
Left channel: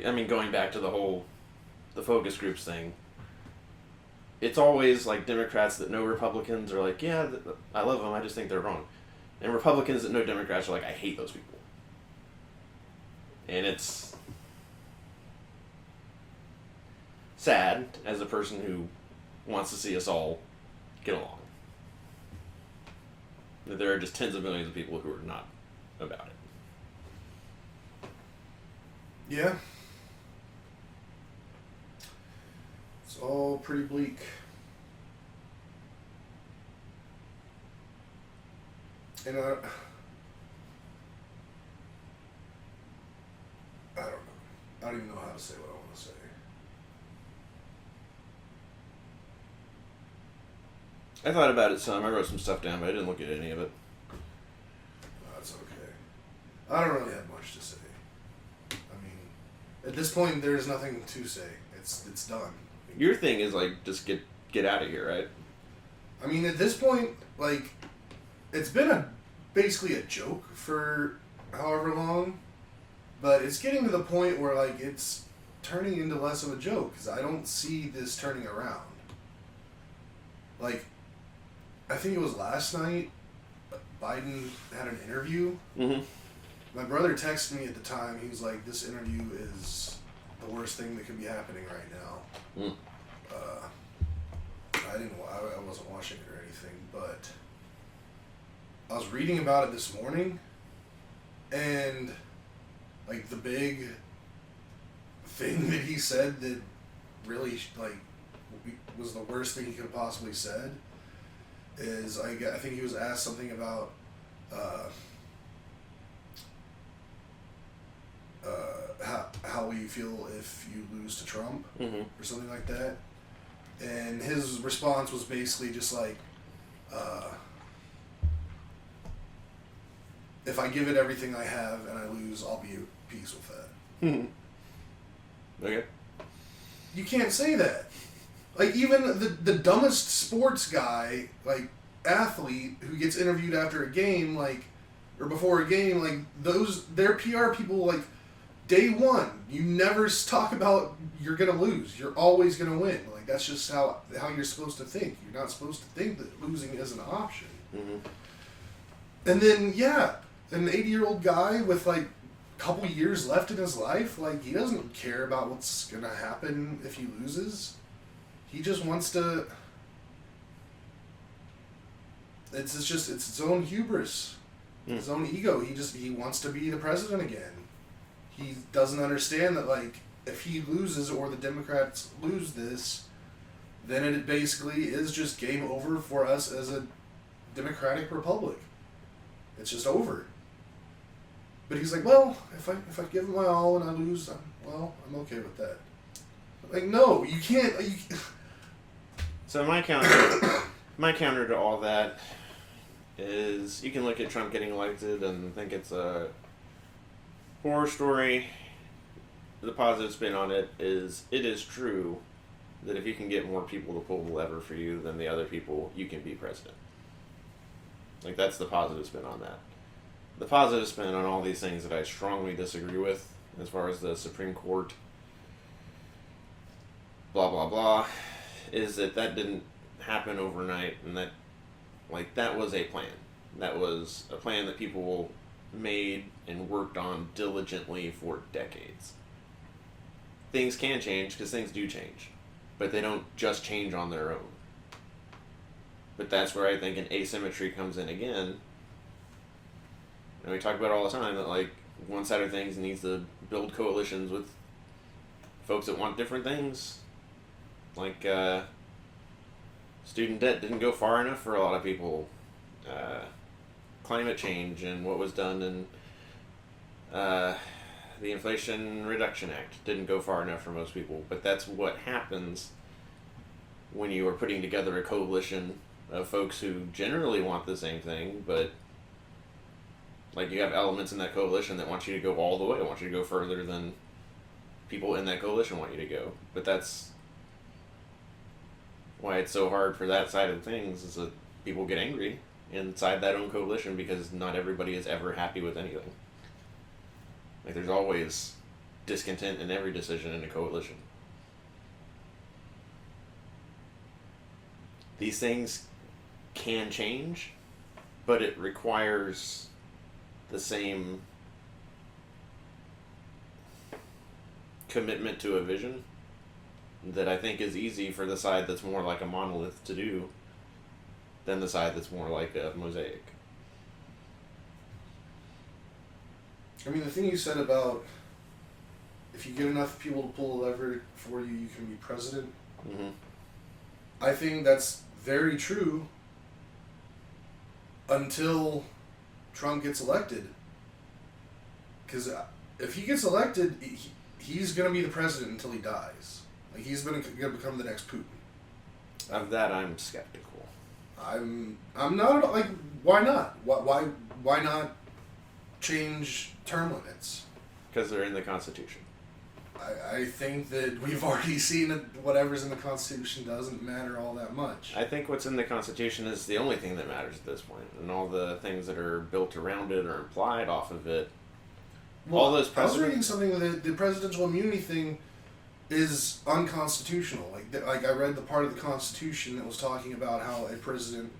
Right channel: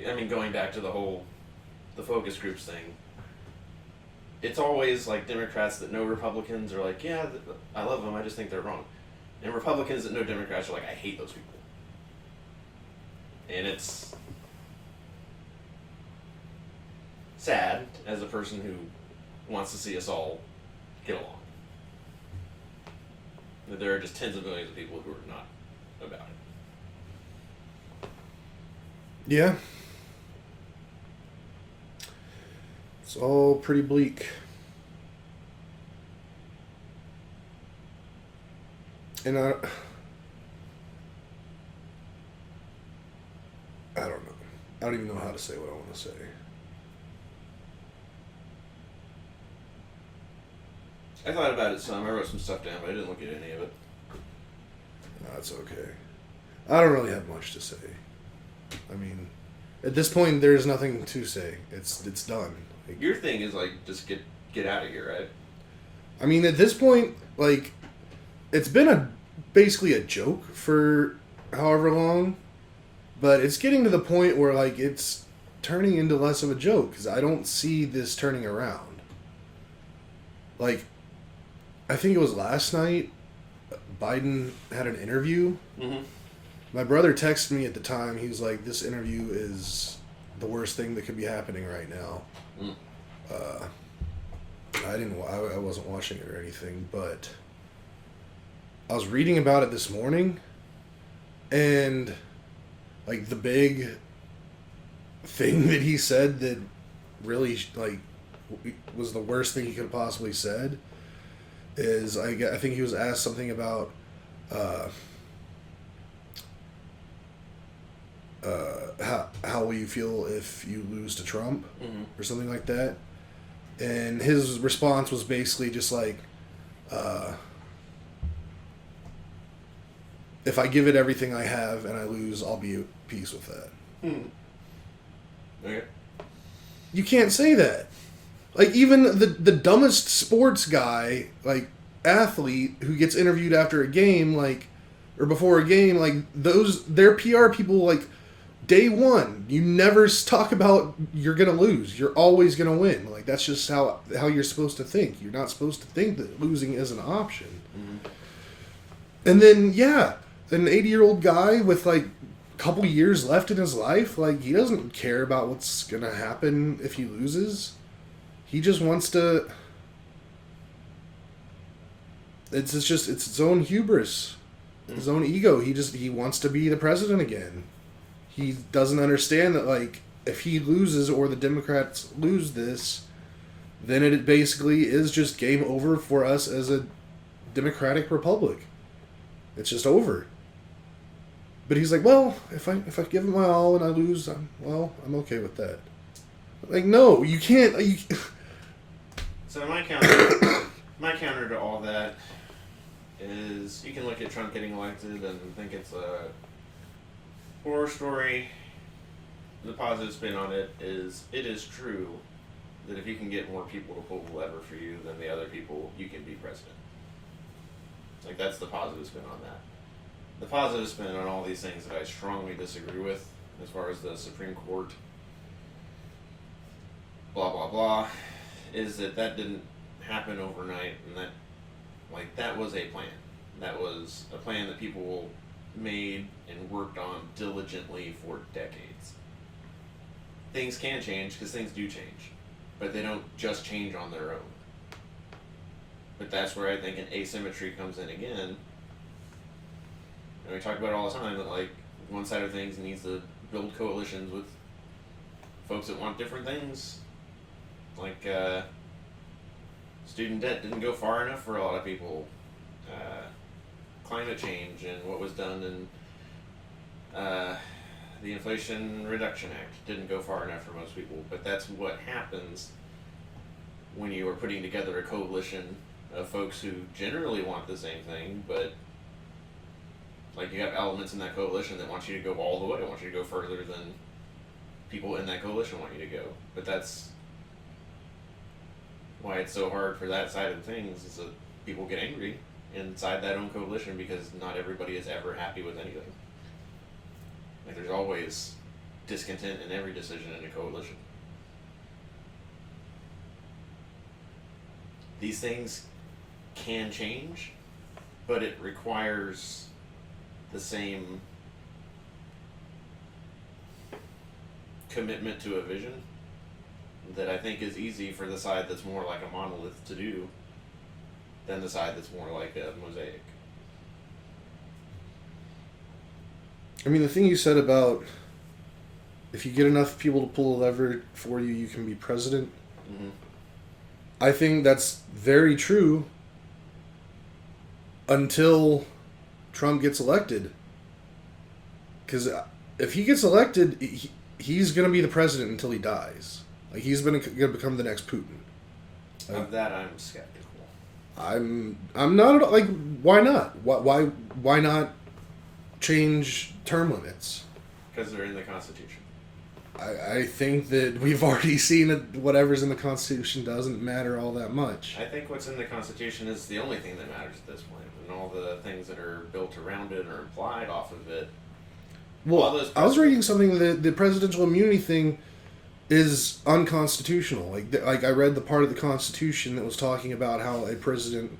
I mean, going back to the focus groups thing. It's always like Democrats that know Republicans are like, yeah, I love them. I just think they're wrong, and Republicans that know Democrats are like, I hate those people. And it's sad as a person who wants to see us all get along. That there are just tens of millions of people who are not about it. Yeah. It's all pretty bleak. And I don't know. I don't even know how to say what I want to say. I thought about it some. I wrote some stuff down, but I didn't look at any of it. That's okay. I don't really have much to say. I mean, at this point, there's nothing to say. It's done. Like, your thing is like just get out of here, right? I mean, at this point, like, it's been basically a joke for however long, but it's getting to the point where like it's turning into less of a joke because I don't see this turning around. Like, I think it was last night, Biden had an interview. Mm-hmm. My brother texted me at the time. He was like, "This interview is the worst thing that could be happening right now." Mm. I wasn't watching it or anything, but I was reading about it this morning, and like the big thing that he said that really like was the worst thing he could have possibly said is I think he was asked something about how will you feel if you lose to Trump, mm-hmm. or something like that, and his response was basically just like, if I give it everything I have and I lose, I'll be at peace with that. Mm-hmm. Okay. You can't say that. Like, even the dumbest sports guy, like, athlete who gets interviewed after a game, like, or before a game, like, their PR people, like, day one, you never talk about you're going to lose. You're always going to win. Like, that's just how you're supposed to think. You're not supposed to think that losing is an option. Mm-hmm. And then, yeah, an 80-year-old guy with, like, a couple years left in his life, like, he doesn't care about what's going to happen if he loses. He just wants to... It's its own hubris. His own ego. He wants to be the president again. He doesn't understand that, like, if he loses or the Democrats lose this, then it basically is just game over for us as a democratic republic. It's just over. But he's like, well, if I give it my all and I lose, I'm okay with that. Like, no, you can't. So my counter to all that is you can look at Trump getting elected and think it's a horror story. The positive spin on it is true that if you can get more people to pull the lever for you than the other people, you can be president. Like, that's the positive spin on that. The positive spin on all these things that I strongly disagree with, as far as the Supreme Court, blah, blah, blah, is that didn't happen overnight, and that was a plan. That was a plan that people made and worked on diligently for decades. Things can change, because things do change, but they don't just change on their own. But that's where I think an asymmetry comes in again. And we talk about it all the time that, like, one side of things needs to build coalitions with folks that want different things. Like, student debt didn't go far enough for a lot of people. Climate change and what was done in the Inflation Reduction Act didn't go far enough for most people. But that's what happens when you are putting together a coalition of folks who generally want the same thing, but like, you have elements in that coalition that want you to go all the way, want you to go further than people in that coalition want you to go. But that's why it's so hard for that side of things, is that people get angry inside that own coalition because not everybody is ever happy with anything. Like, there's always discontent in every decision in a coalition. These things can change, but it requires the same commitment to a vision that I think is easy for the side that's more like a monolith to do than the side that's more like a mosaic. I mean, the thing you said about if you get enough people to pull a lever for you, you can be president. Mm-hmm. I think that's very true until Trump gets elected. Because if he gets elected, he's going to be the president until he dies. Like, he's going to become the next Putin. Of that, I'm skeptical. I'm not, like, why not? Why not change term limits? Because they're in the Constitution. I think that we've already seen that whatever's in the Constitution doesn't matter all that much. I think what's in the Constitution is the only thing that matters at this point, and all the things that are built around it or implied off of it. Well, I was reading something that the presidential immunity thing is unconstitutional. Like I read the part of the Constitution that was talking about how a president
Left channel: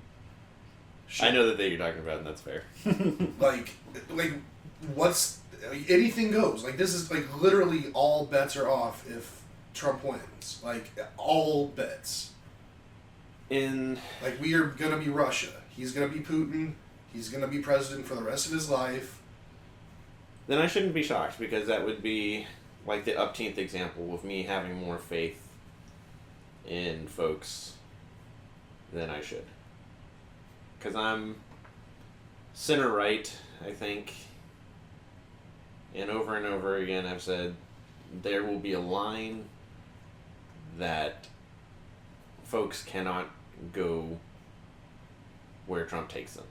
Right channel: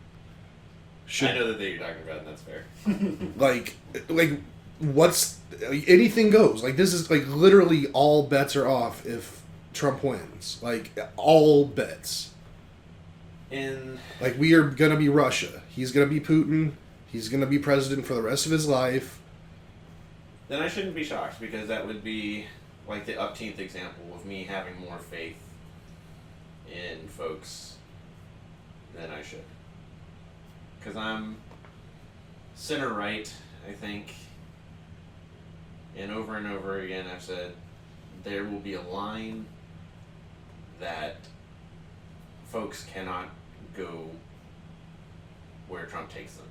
should... I know that you're talking about, and that's fair. like what's... anything goes. Like, this is, like, literally all bets are off if Trump wins. Like, all bets. Like, we are going to be Russia. He's going to be Putin. He's going to be president for the rest of his life. Then I shouldn't be shocked, because that would be like the upteenth example of me having more faith in folks than I should. Because I'm center right, I think. And over again, I've said there will be a line that folks cannot go where Trump takes them.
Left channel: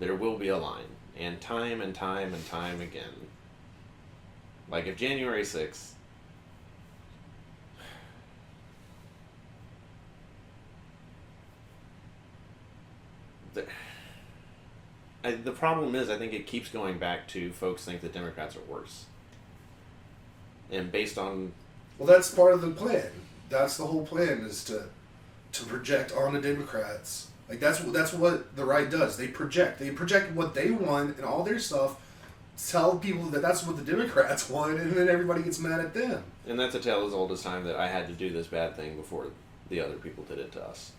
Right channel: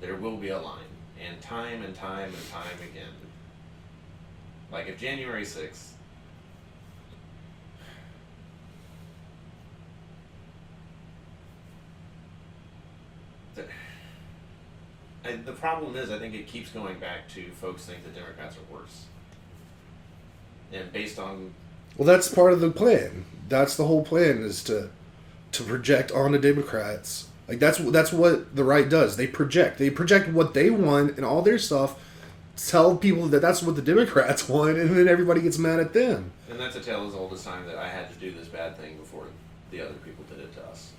There will be a line. And time again. Like, if January 6th, the problem is, I think it keeps going back to folks think that Democrats are worse. And based on... Well, that's part of the plan. That's the whole plan, is to project onto Democrats. Like, that's what the right does. They project what they want and all their stuff, tell people that that's what the Democrats want, and then everybody gets mad at them. And that's a tale as old as time, that I had to do this bad thing before the other people did it to us.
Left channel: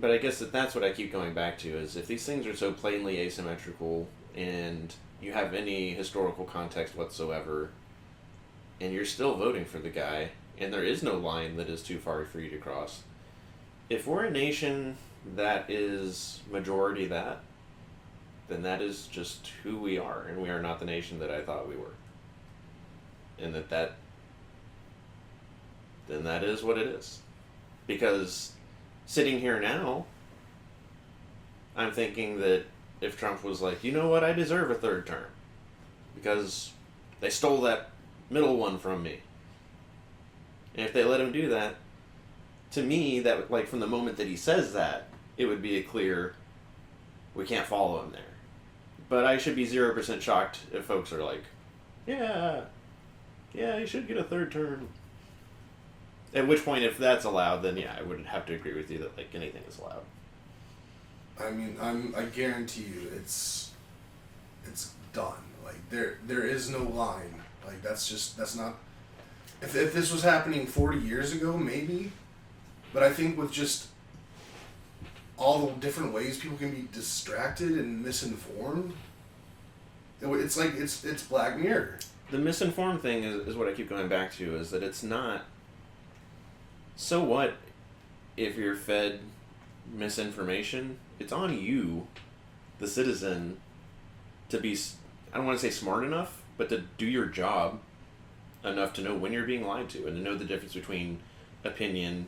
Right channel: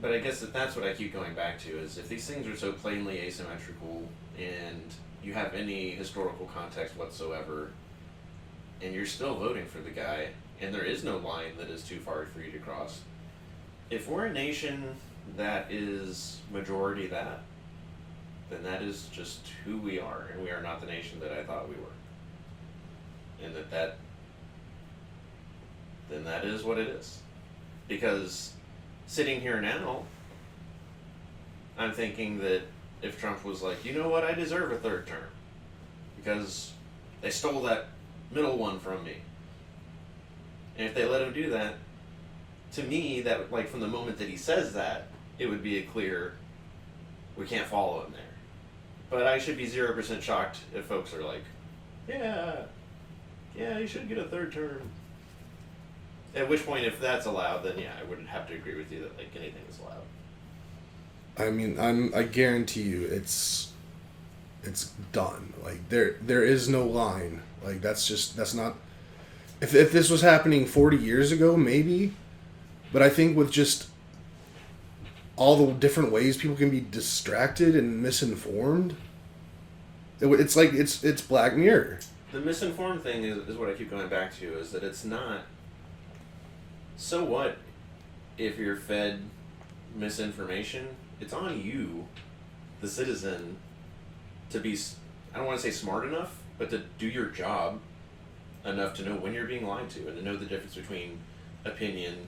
But I guess that's what I keep going back to, is if these things are so plainly asymmetrical and you have any historical context whatsoever, and you're still voting for the guy, and there is no line that is too far for you to cross, if we're a nation that is majority that, then that is just who we are, and we are not the nation that I thought we were. And then that is what it is. Because sitting here now, I'm thinking that if Trump was like, you know what, I deserve a third term, because they stole that middle one from me. And if they let him do that, to me, that, like, from the moment that he says that, it would be a clear, we can't follow him there. But I should be 0% shocked if folks are like, yeah, he should get a third term. At which point, if that's allowed, then yeah, I wouldn't have to agree with you that, like, anything is allowed. I mean, I guarantee you, it's done. Like, there is no line. Like, that's not. If this was happening 40 years ago, maybe. But I think with just all the different ways people can be distracted and misinformed, it's like it's Black Mirror. The misinformed thing is what I keep going back to, is that it's not. So what if you're fed misinformation? It's on you, the citizen, to be, I don't want to say smart enough, but to do your job enough to know when you're being lied to, and to know the difference between opinion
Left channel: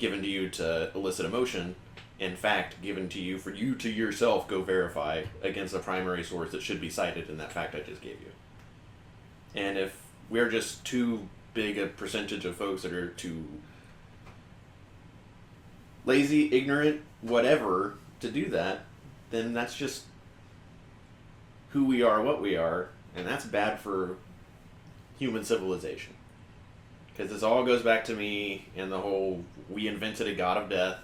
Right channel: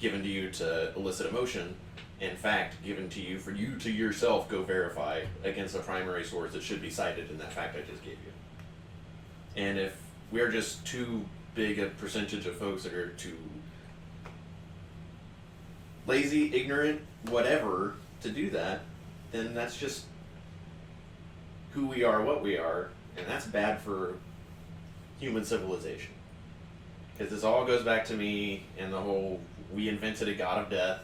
given to you to elicit emotion and fact given to you for you to yourself go verify against a primary source that should be cited in that fact I just gave you. And if we're just too big a percentage of folks that are to lazy, ignorant, whatever to do that, then that's just who we are, what we are, and that's bad for human civilization. Because this all goes back to me and the whole, we invented a god of death.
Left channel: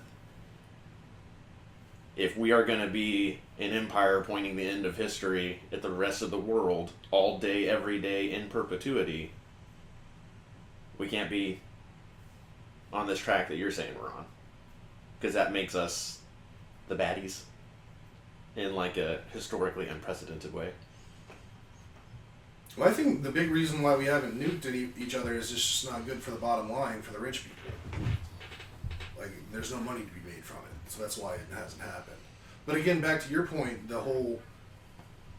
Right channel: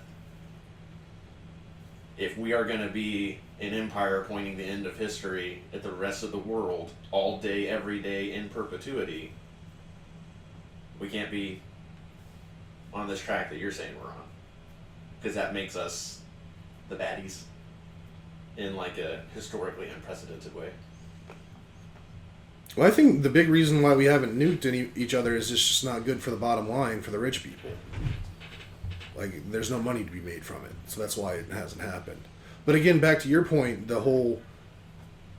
If we are going to be an empire pointing the end of history at the rest of the world, all day, every day, in perpetuity, we can't be on this track that you're saying we're on. Because that makes us the baddies in like a historically unprecedented way. Well, I think the big reason why we haven't nuked each other is it's just not good for the bottom line for the rich people. Like, there's no money to be made from it, so that's why it hasn't happened. But again, back to your point, the whole,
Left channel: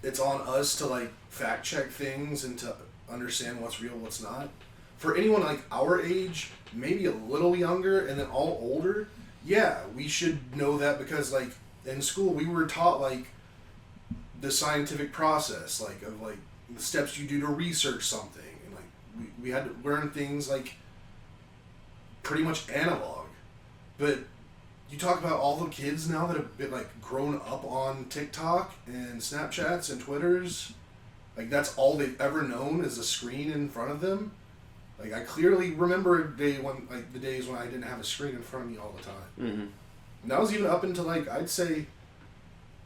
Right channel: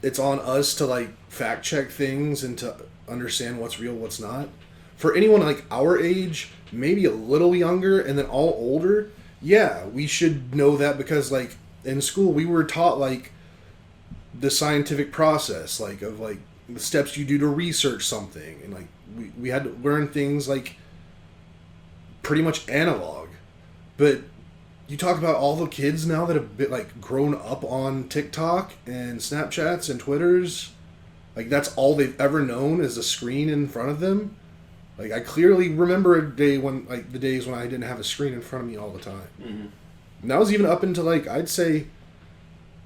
it's on us to like fact check things and to understand what's real, what's not. For anyone like our age, maybe a little younger, and then all older, yeah, we should know that because like in school we were taught like the scientific process, like of like the steps you do to research something, and like we had to learn things like pretty much analog. But you talk about all the kids now that have been like grown up on TikTok and Snapchats and Twitters, like that's all they've ever known is a screen in front of them. Like I clearly remember a day when like the days when I didn't have a screen in front of me all the time. Mm-hmm. And that was even up until like I'd say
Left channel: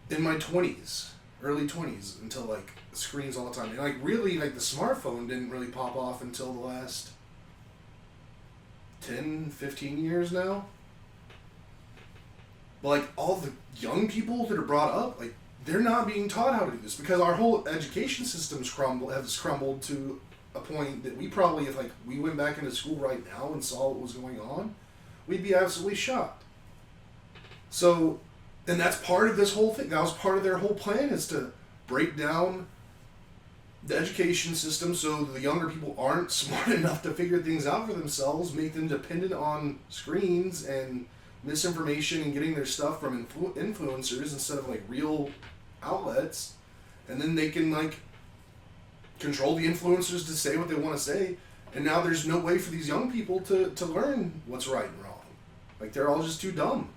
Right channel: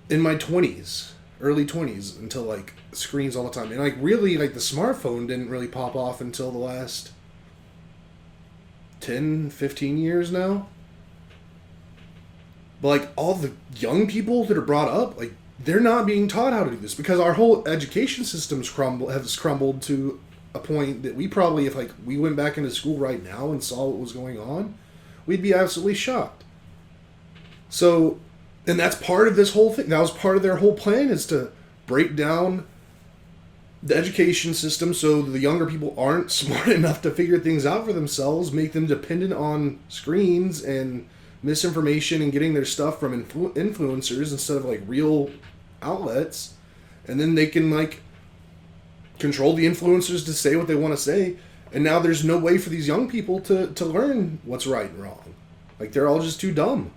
in my 20s, early 20s, until like screens all the time. And like really like the smartphone didn't really pop off until the last 10, 15 years now. But like all the young people that are brought up, like they're not being taught how to do this because our whole education system's has crumbled to a point that we probably, if like we went back into school right now and saw what was going on, we'd be absolutely shocked. So, and that's part of this whole thing. That was part of their whole plan, is to break down the education system so the younger people aren't smart enough to figure things out for themselves, make them dependent on screens and misinformation and getting their stuff from influencers instead of like real outlets. And then they can like control the influencers to say what they want to say. And now there's no way for these young people to learn what's right and wrong. Like they're all just too dumb.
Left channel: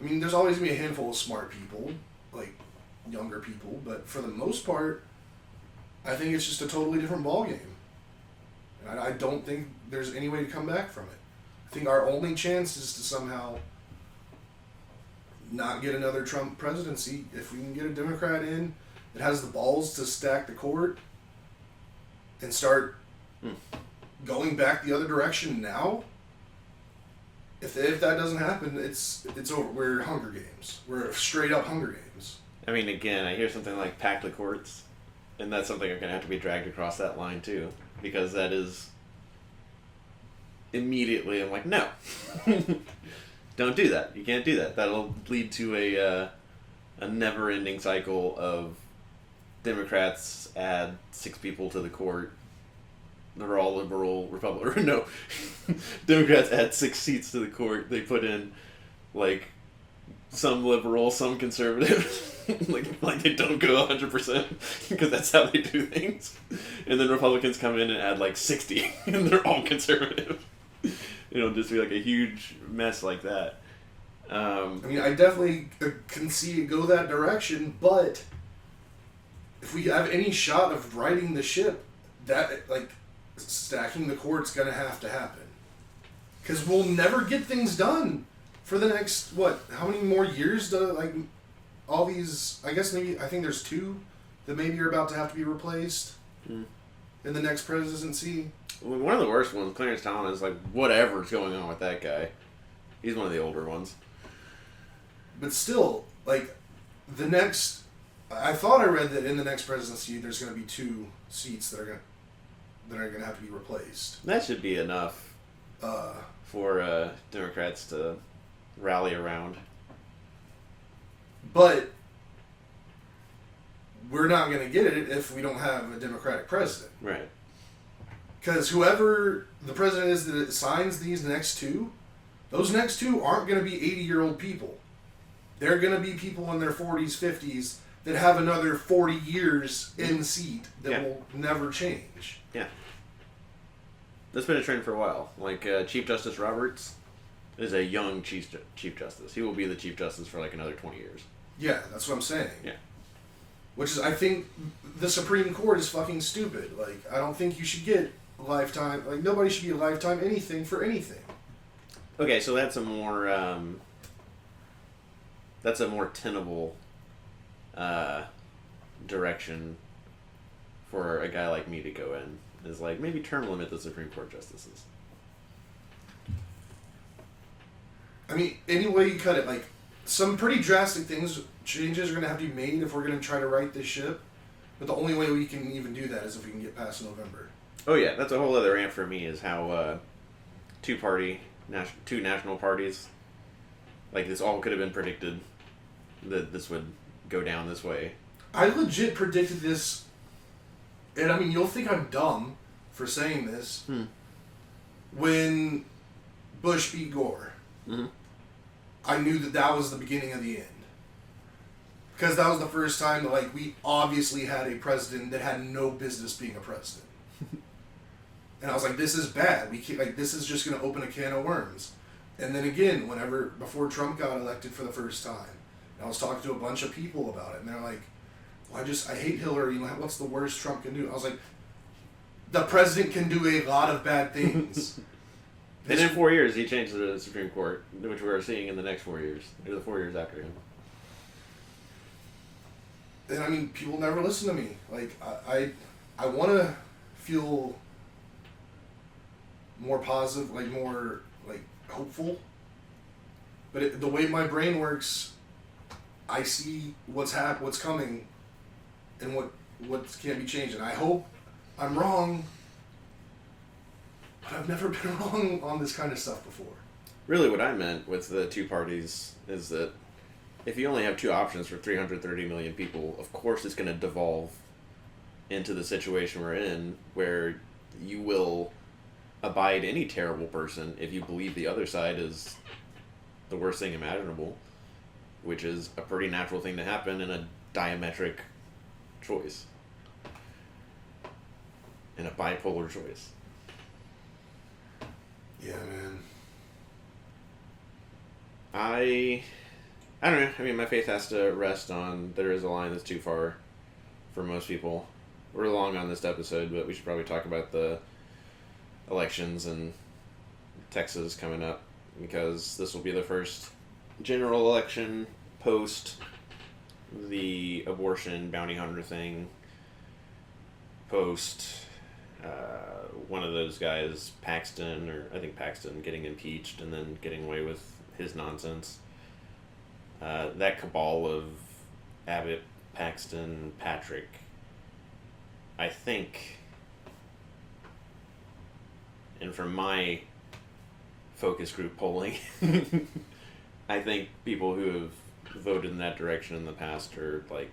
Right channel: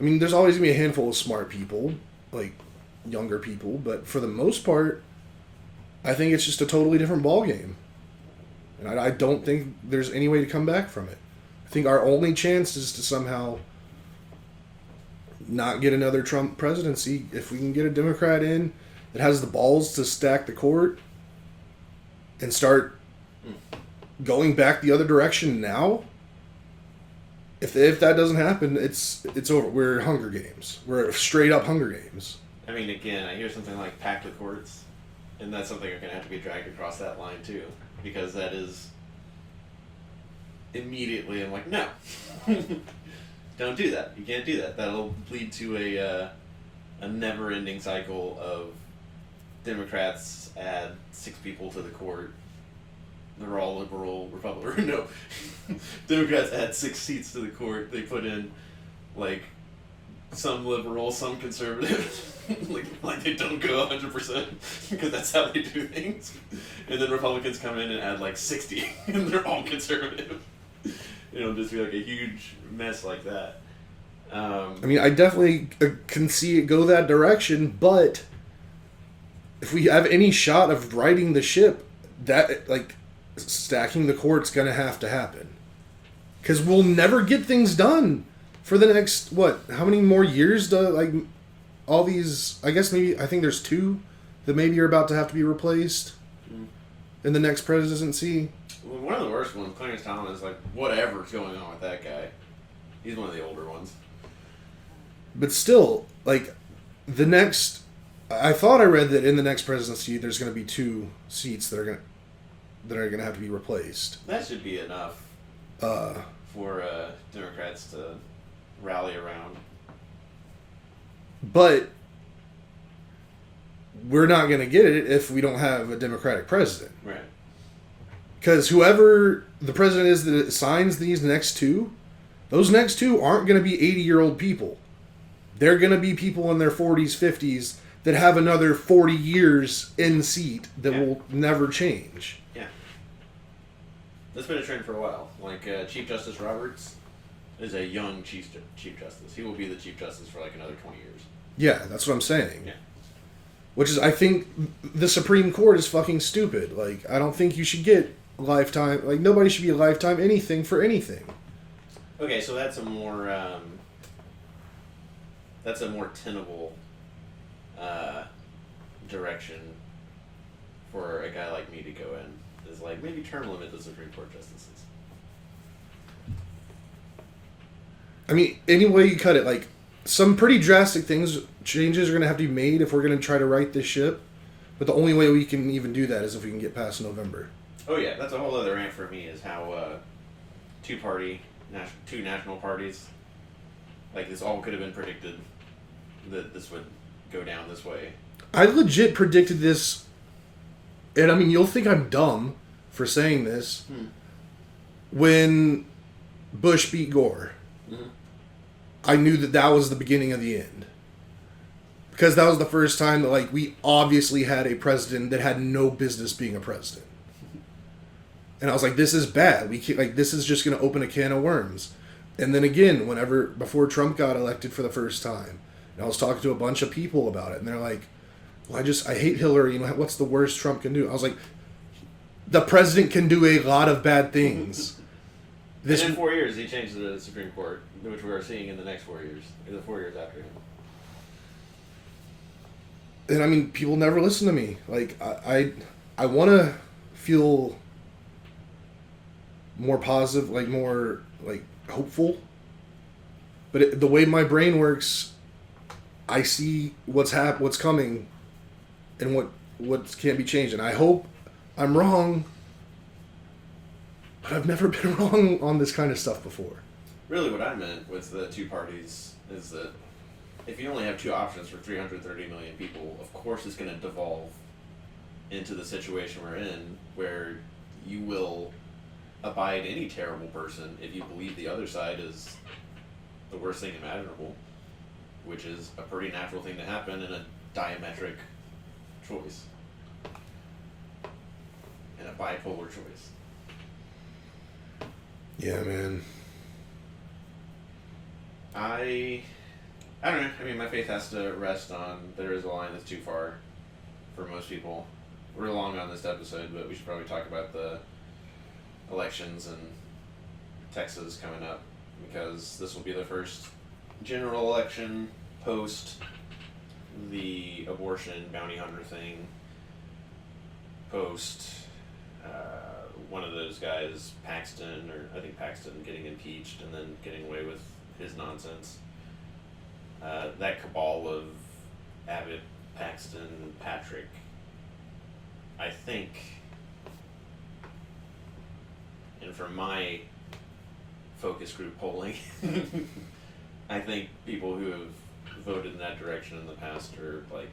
I mean, there's always going to be a handful of smart people, like younger people, but for the most part, I think it's just a totally different ballgame. And I don't think there's any way to come back from it. I think our only chance is to somehow not get another Trump presidency. If we can get a Democrat in that has the balls to stack the court and start going back the other direction now, if that doesn't happen, it's over. We're Hunger Games. We're straight up Hunger Games. I mean, again, I hear something like pack the courts, and that's something that's going to have to be dragged across that line too, because that is immediately, I'm like, no. Don't do that. You can't do that. That'll lead to a never-ending cycle of Democrats add 6 people to the court. They're all liberal, Republican. No. Democrats add 6 seats to the court. They put in, like, some liberal, some conservative. like they don't go 100% because that's how they do things. And then Republicans come in and add, like, 60. And they're all conservative. It'll just be, like, a huge mess like that. I mean, I definitely can see it go that direction, but if we have any shot of righting the ship, that, like, stacking the court's gonna have to happen. Because we'll never get things done for the next, how many more years do, like, all these, I think there's 2 that maybe are about to have to be replaced in the next presidency. Well, one of the worst ones, Clarence Thomas, like, whatever's going on with that guy. He's one of the older ones. But still, like, the next, I thought I read that in the next presidency there's going to be 2 seats that are going to have to be replaced. That should be enough for Democrats to rally around. But we're not going to get it if we don't have a Democratic president. Right. Because whoever the president is that signs these next 2, those next 2 aren't going to be 80-year-old people. They're going to be people in their 40s, 50s that have another 40 years in seat that will never change. Yeah. That's been a trend for a while. Like, Chief Justice Roberts is a young Chief Justice. He will be the Chief Justice for like another 20 years. Yeah, that's what I'm saying. Yeah. Which is, I think, the Supreme Court is fucking stupid. Like, I don't think you should get lifetime... Like, nobody should be a lifetime anything for anything. Okay, so that's a more... that's a more tenable direction for a guy like me to go in. Is like, maybe term limit the Supreme Court justices. I mean, any way you cut it, like, some pretty drastic changes are going to have to be made if we're going to try to right this ship. But the only way we can even do that is if we can get past November. Oh yeah, that's a whole other rant for me, is how two national parties, like, this all could have been predicted that this would go down this way. I legit predicted this, and I mean, you'll think I'm dumb for saying this, when Bush beat Gore. Mm-hmm. I knew that was the beginning of the end. Because that was the first time that, like, we obviously had a president that had no business being a president. And I was like, this is bad. This is just going to open a can of worms. And then again, before Trump got elected for the first time, and I was talking to a bunch of people about it, and they're like, well, I hate Hillary. What's the worst Trump can do? I was like, the president can do a lot of bad things. And in 4 years, he changed the Supreme Court, which we are seeing in the next 4 years, or the 4 years after him. And I mean, people never listen to me. Like, I want to feel more positive, like, more, like, hopeful. But the way my brain works, I see what's coming, and what can't be changed. And I hope I'm wrong, but I've never been wrong on this kind of stuff before. Really, what I meant with the two parties is that if you only have two options for 330 million people, of course it's going to devolve into the situation we're in, where you will abide any terrible person if you believe the other side is the worst thing imaginable, which is a pretty natural thing to happen in a diametric choice, in a bipolar choice. Yeah, man. I don't know. I mean, my faith has to rest on there is a line that's too far for most people. We're long on this episode, but we should probably talk about the elections in Texas coming up, because this will be the first general election post the abortion bounty hunter thing, post one of those guys, Paxton, getting impeached and then getting away with his nonsense. That cabal of Abbott, Paxton, Patrick, I think, and from my focus group polling, I think people who have voted in that direction in the past are, like,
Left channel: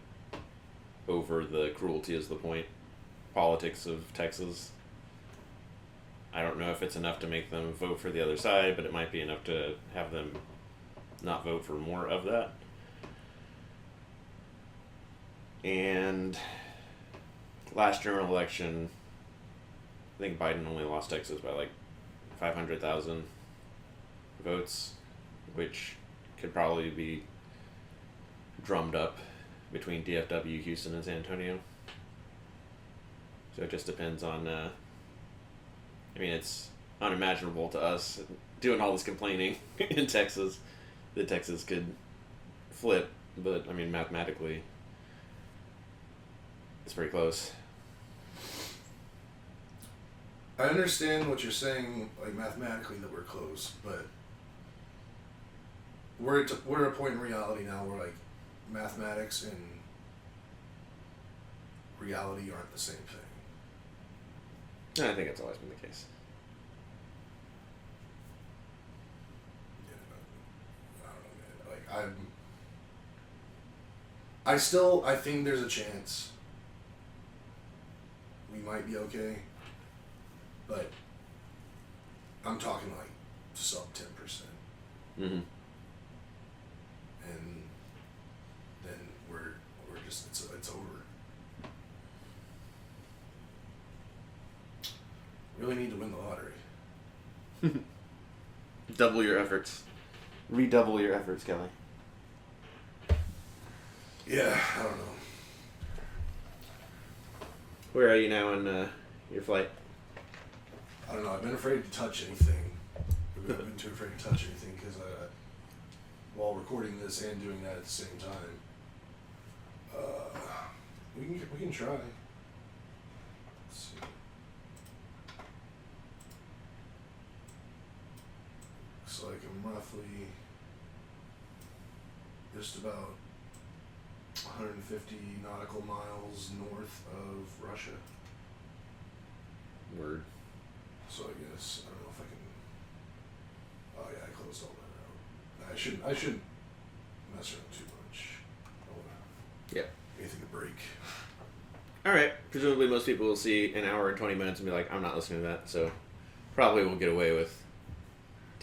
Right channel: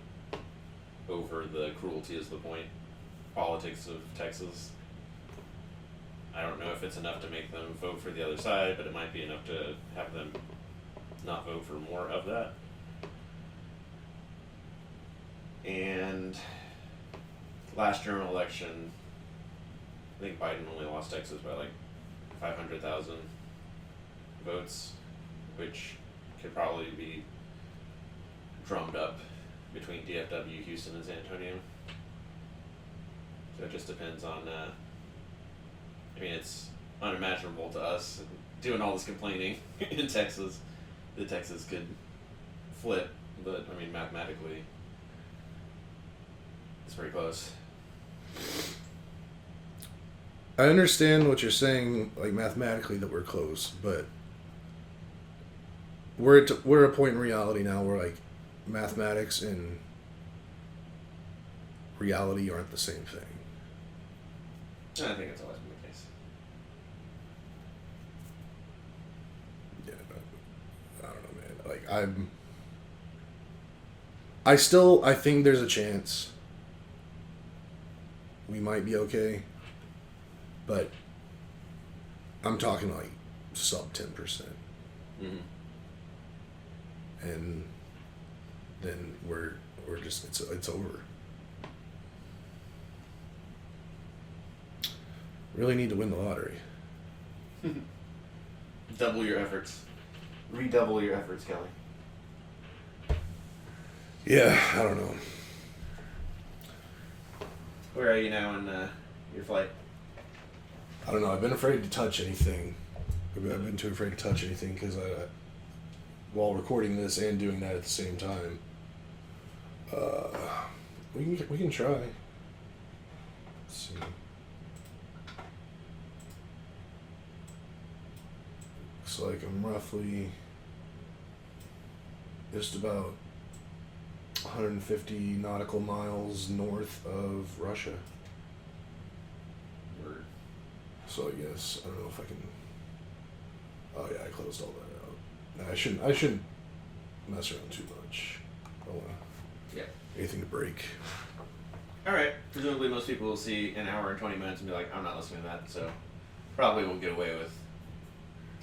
over the cruelty is the point politics of Texas. I don't know if it's enough to make them vote for the other side, but it might be enough to have them not vote for more of that. And last general election, I think Biden only lost Texas by like 500,000 votes, which could probably be drummed up between DFW, Houston, and San Antonio. So it just depends on, I mean, it's unimaginable to us doing all this complaining in Texas that Texas could flip, but I mean, mathematically, it's very close. I understand what you're saying, like, mathematically, that we're close, but we're at a point in reality now where, like, mathematics and reality aren't the same thing. I think it's always been the case. Yeah, I don't know, man. Like, I think there's a chance we might be okay, but I'm talking like sub 10%. Mm-hmm. And then we're just it's over. Really need to win the lottery. double your efforts. Redouble your efforts, Kelly. Yeah, I don't know. Where are you now in your flight? I don't know. I've been afraid to touch anything. I've been too afraid to touch anything because while recording this and doing that at the same time, we can try. Let's see. Looks like I'm roughly just about 150 nautical miles north of Russia. Word. So I guess I don't know if I can. Oh yeah, I closed all that out. I shouldn't mess around too much. I don't want anything to break. All right. Presumably, most people will see an hour and 20 minutes and be like, "I'm not listening to that." So probably won't get away with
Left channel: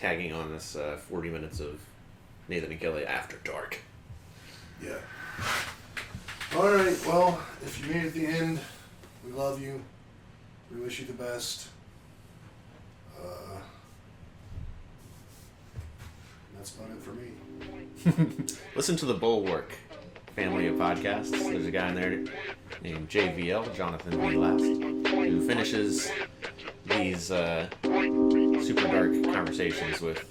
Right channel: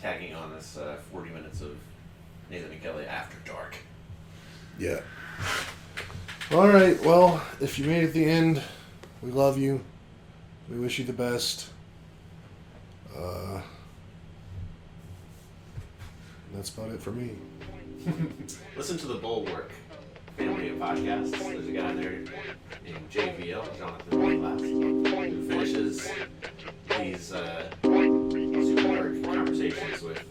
tagging on this 40 minutes of Nathan and Kelly after dark. Yeah. All right. Well, if you made it to the end, we love you. We wish you the best. That's about it for me. Listen to the Bulwark family of podcasts. There's a guy in there named JVL, Jonathan V. Last, who finishes these super dark conversations with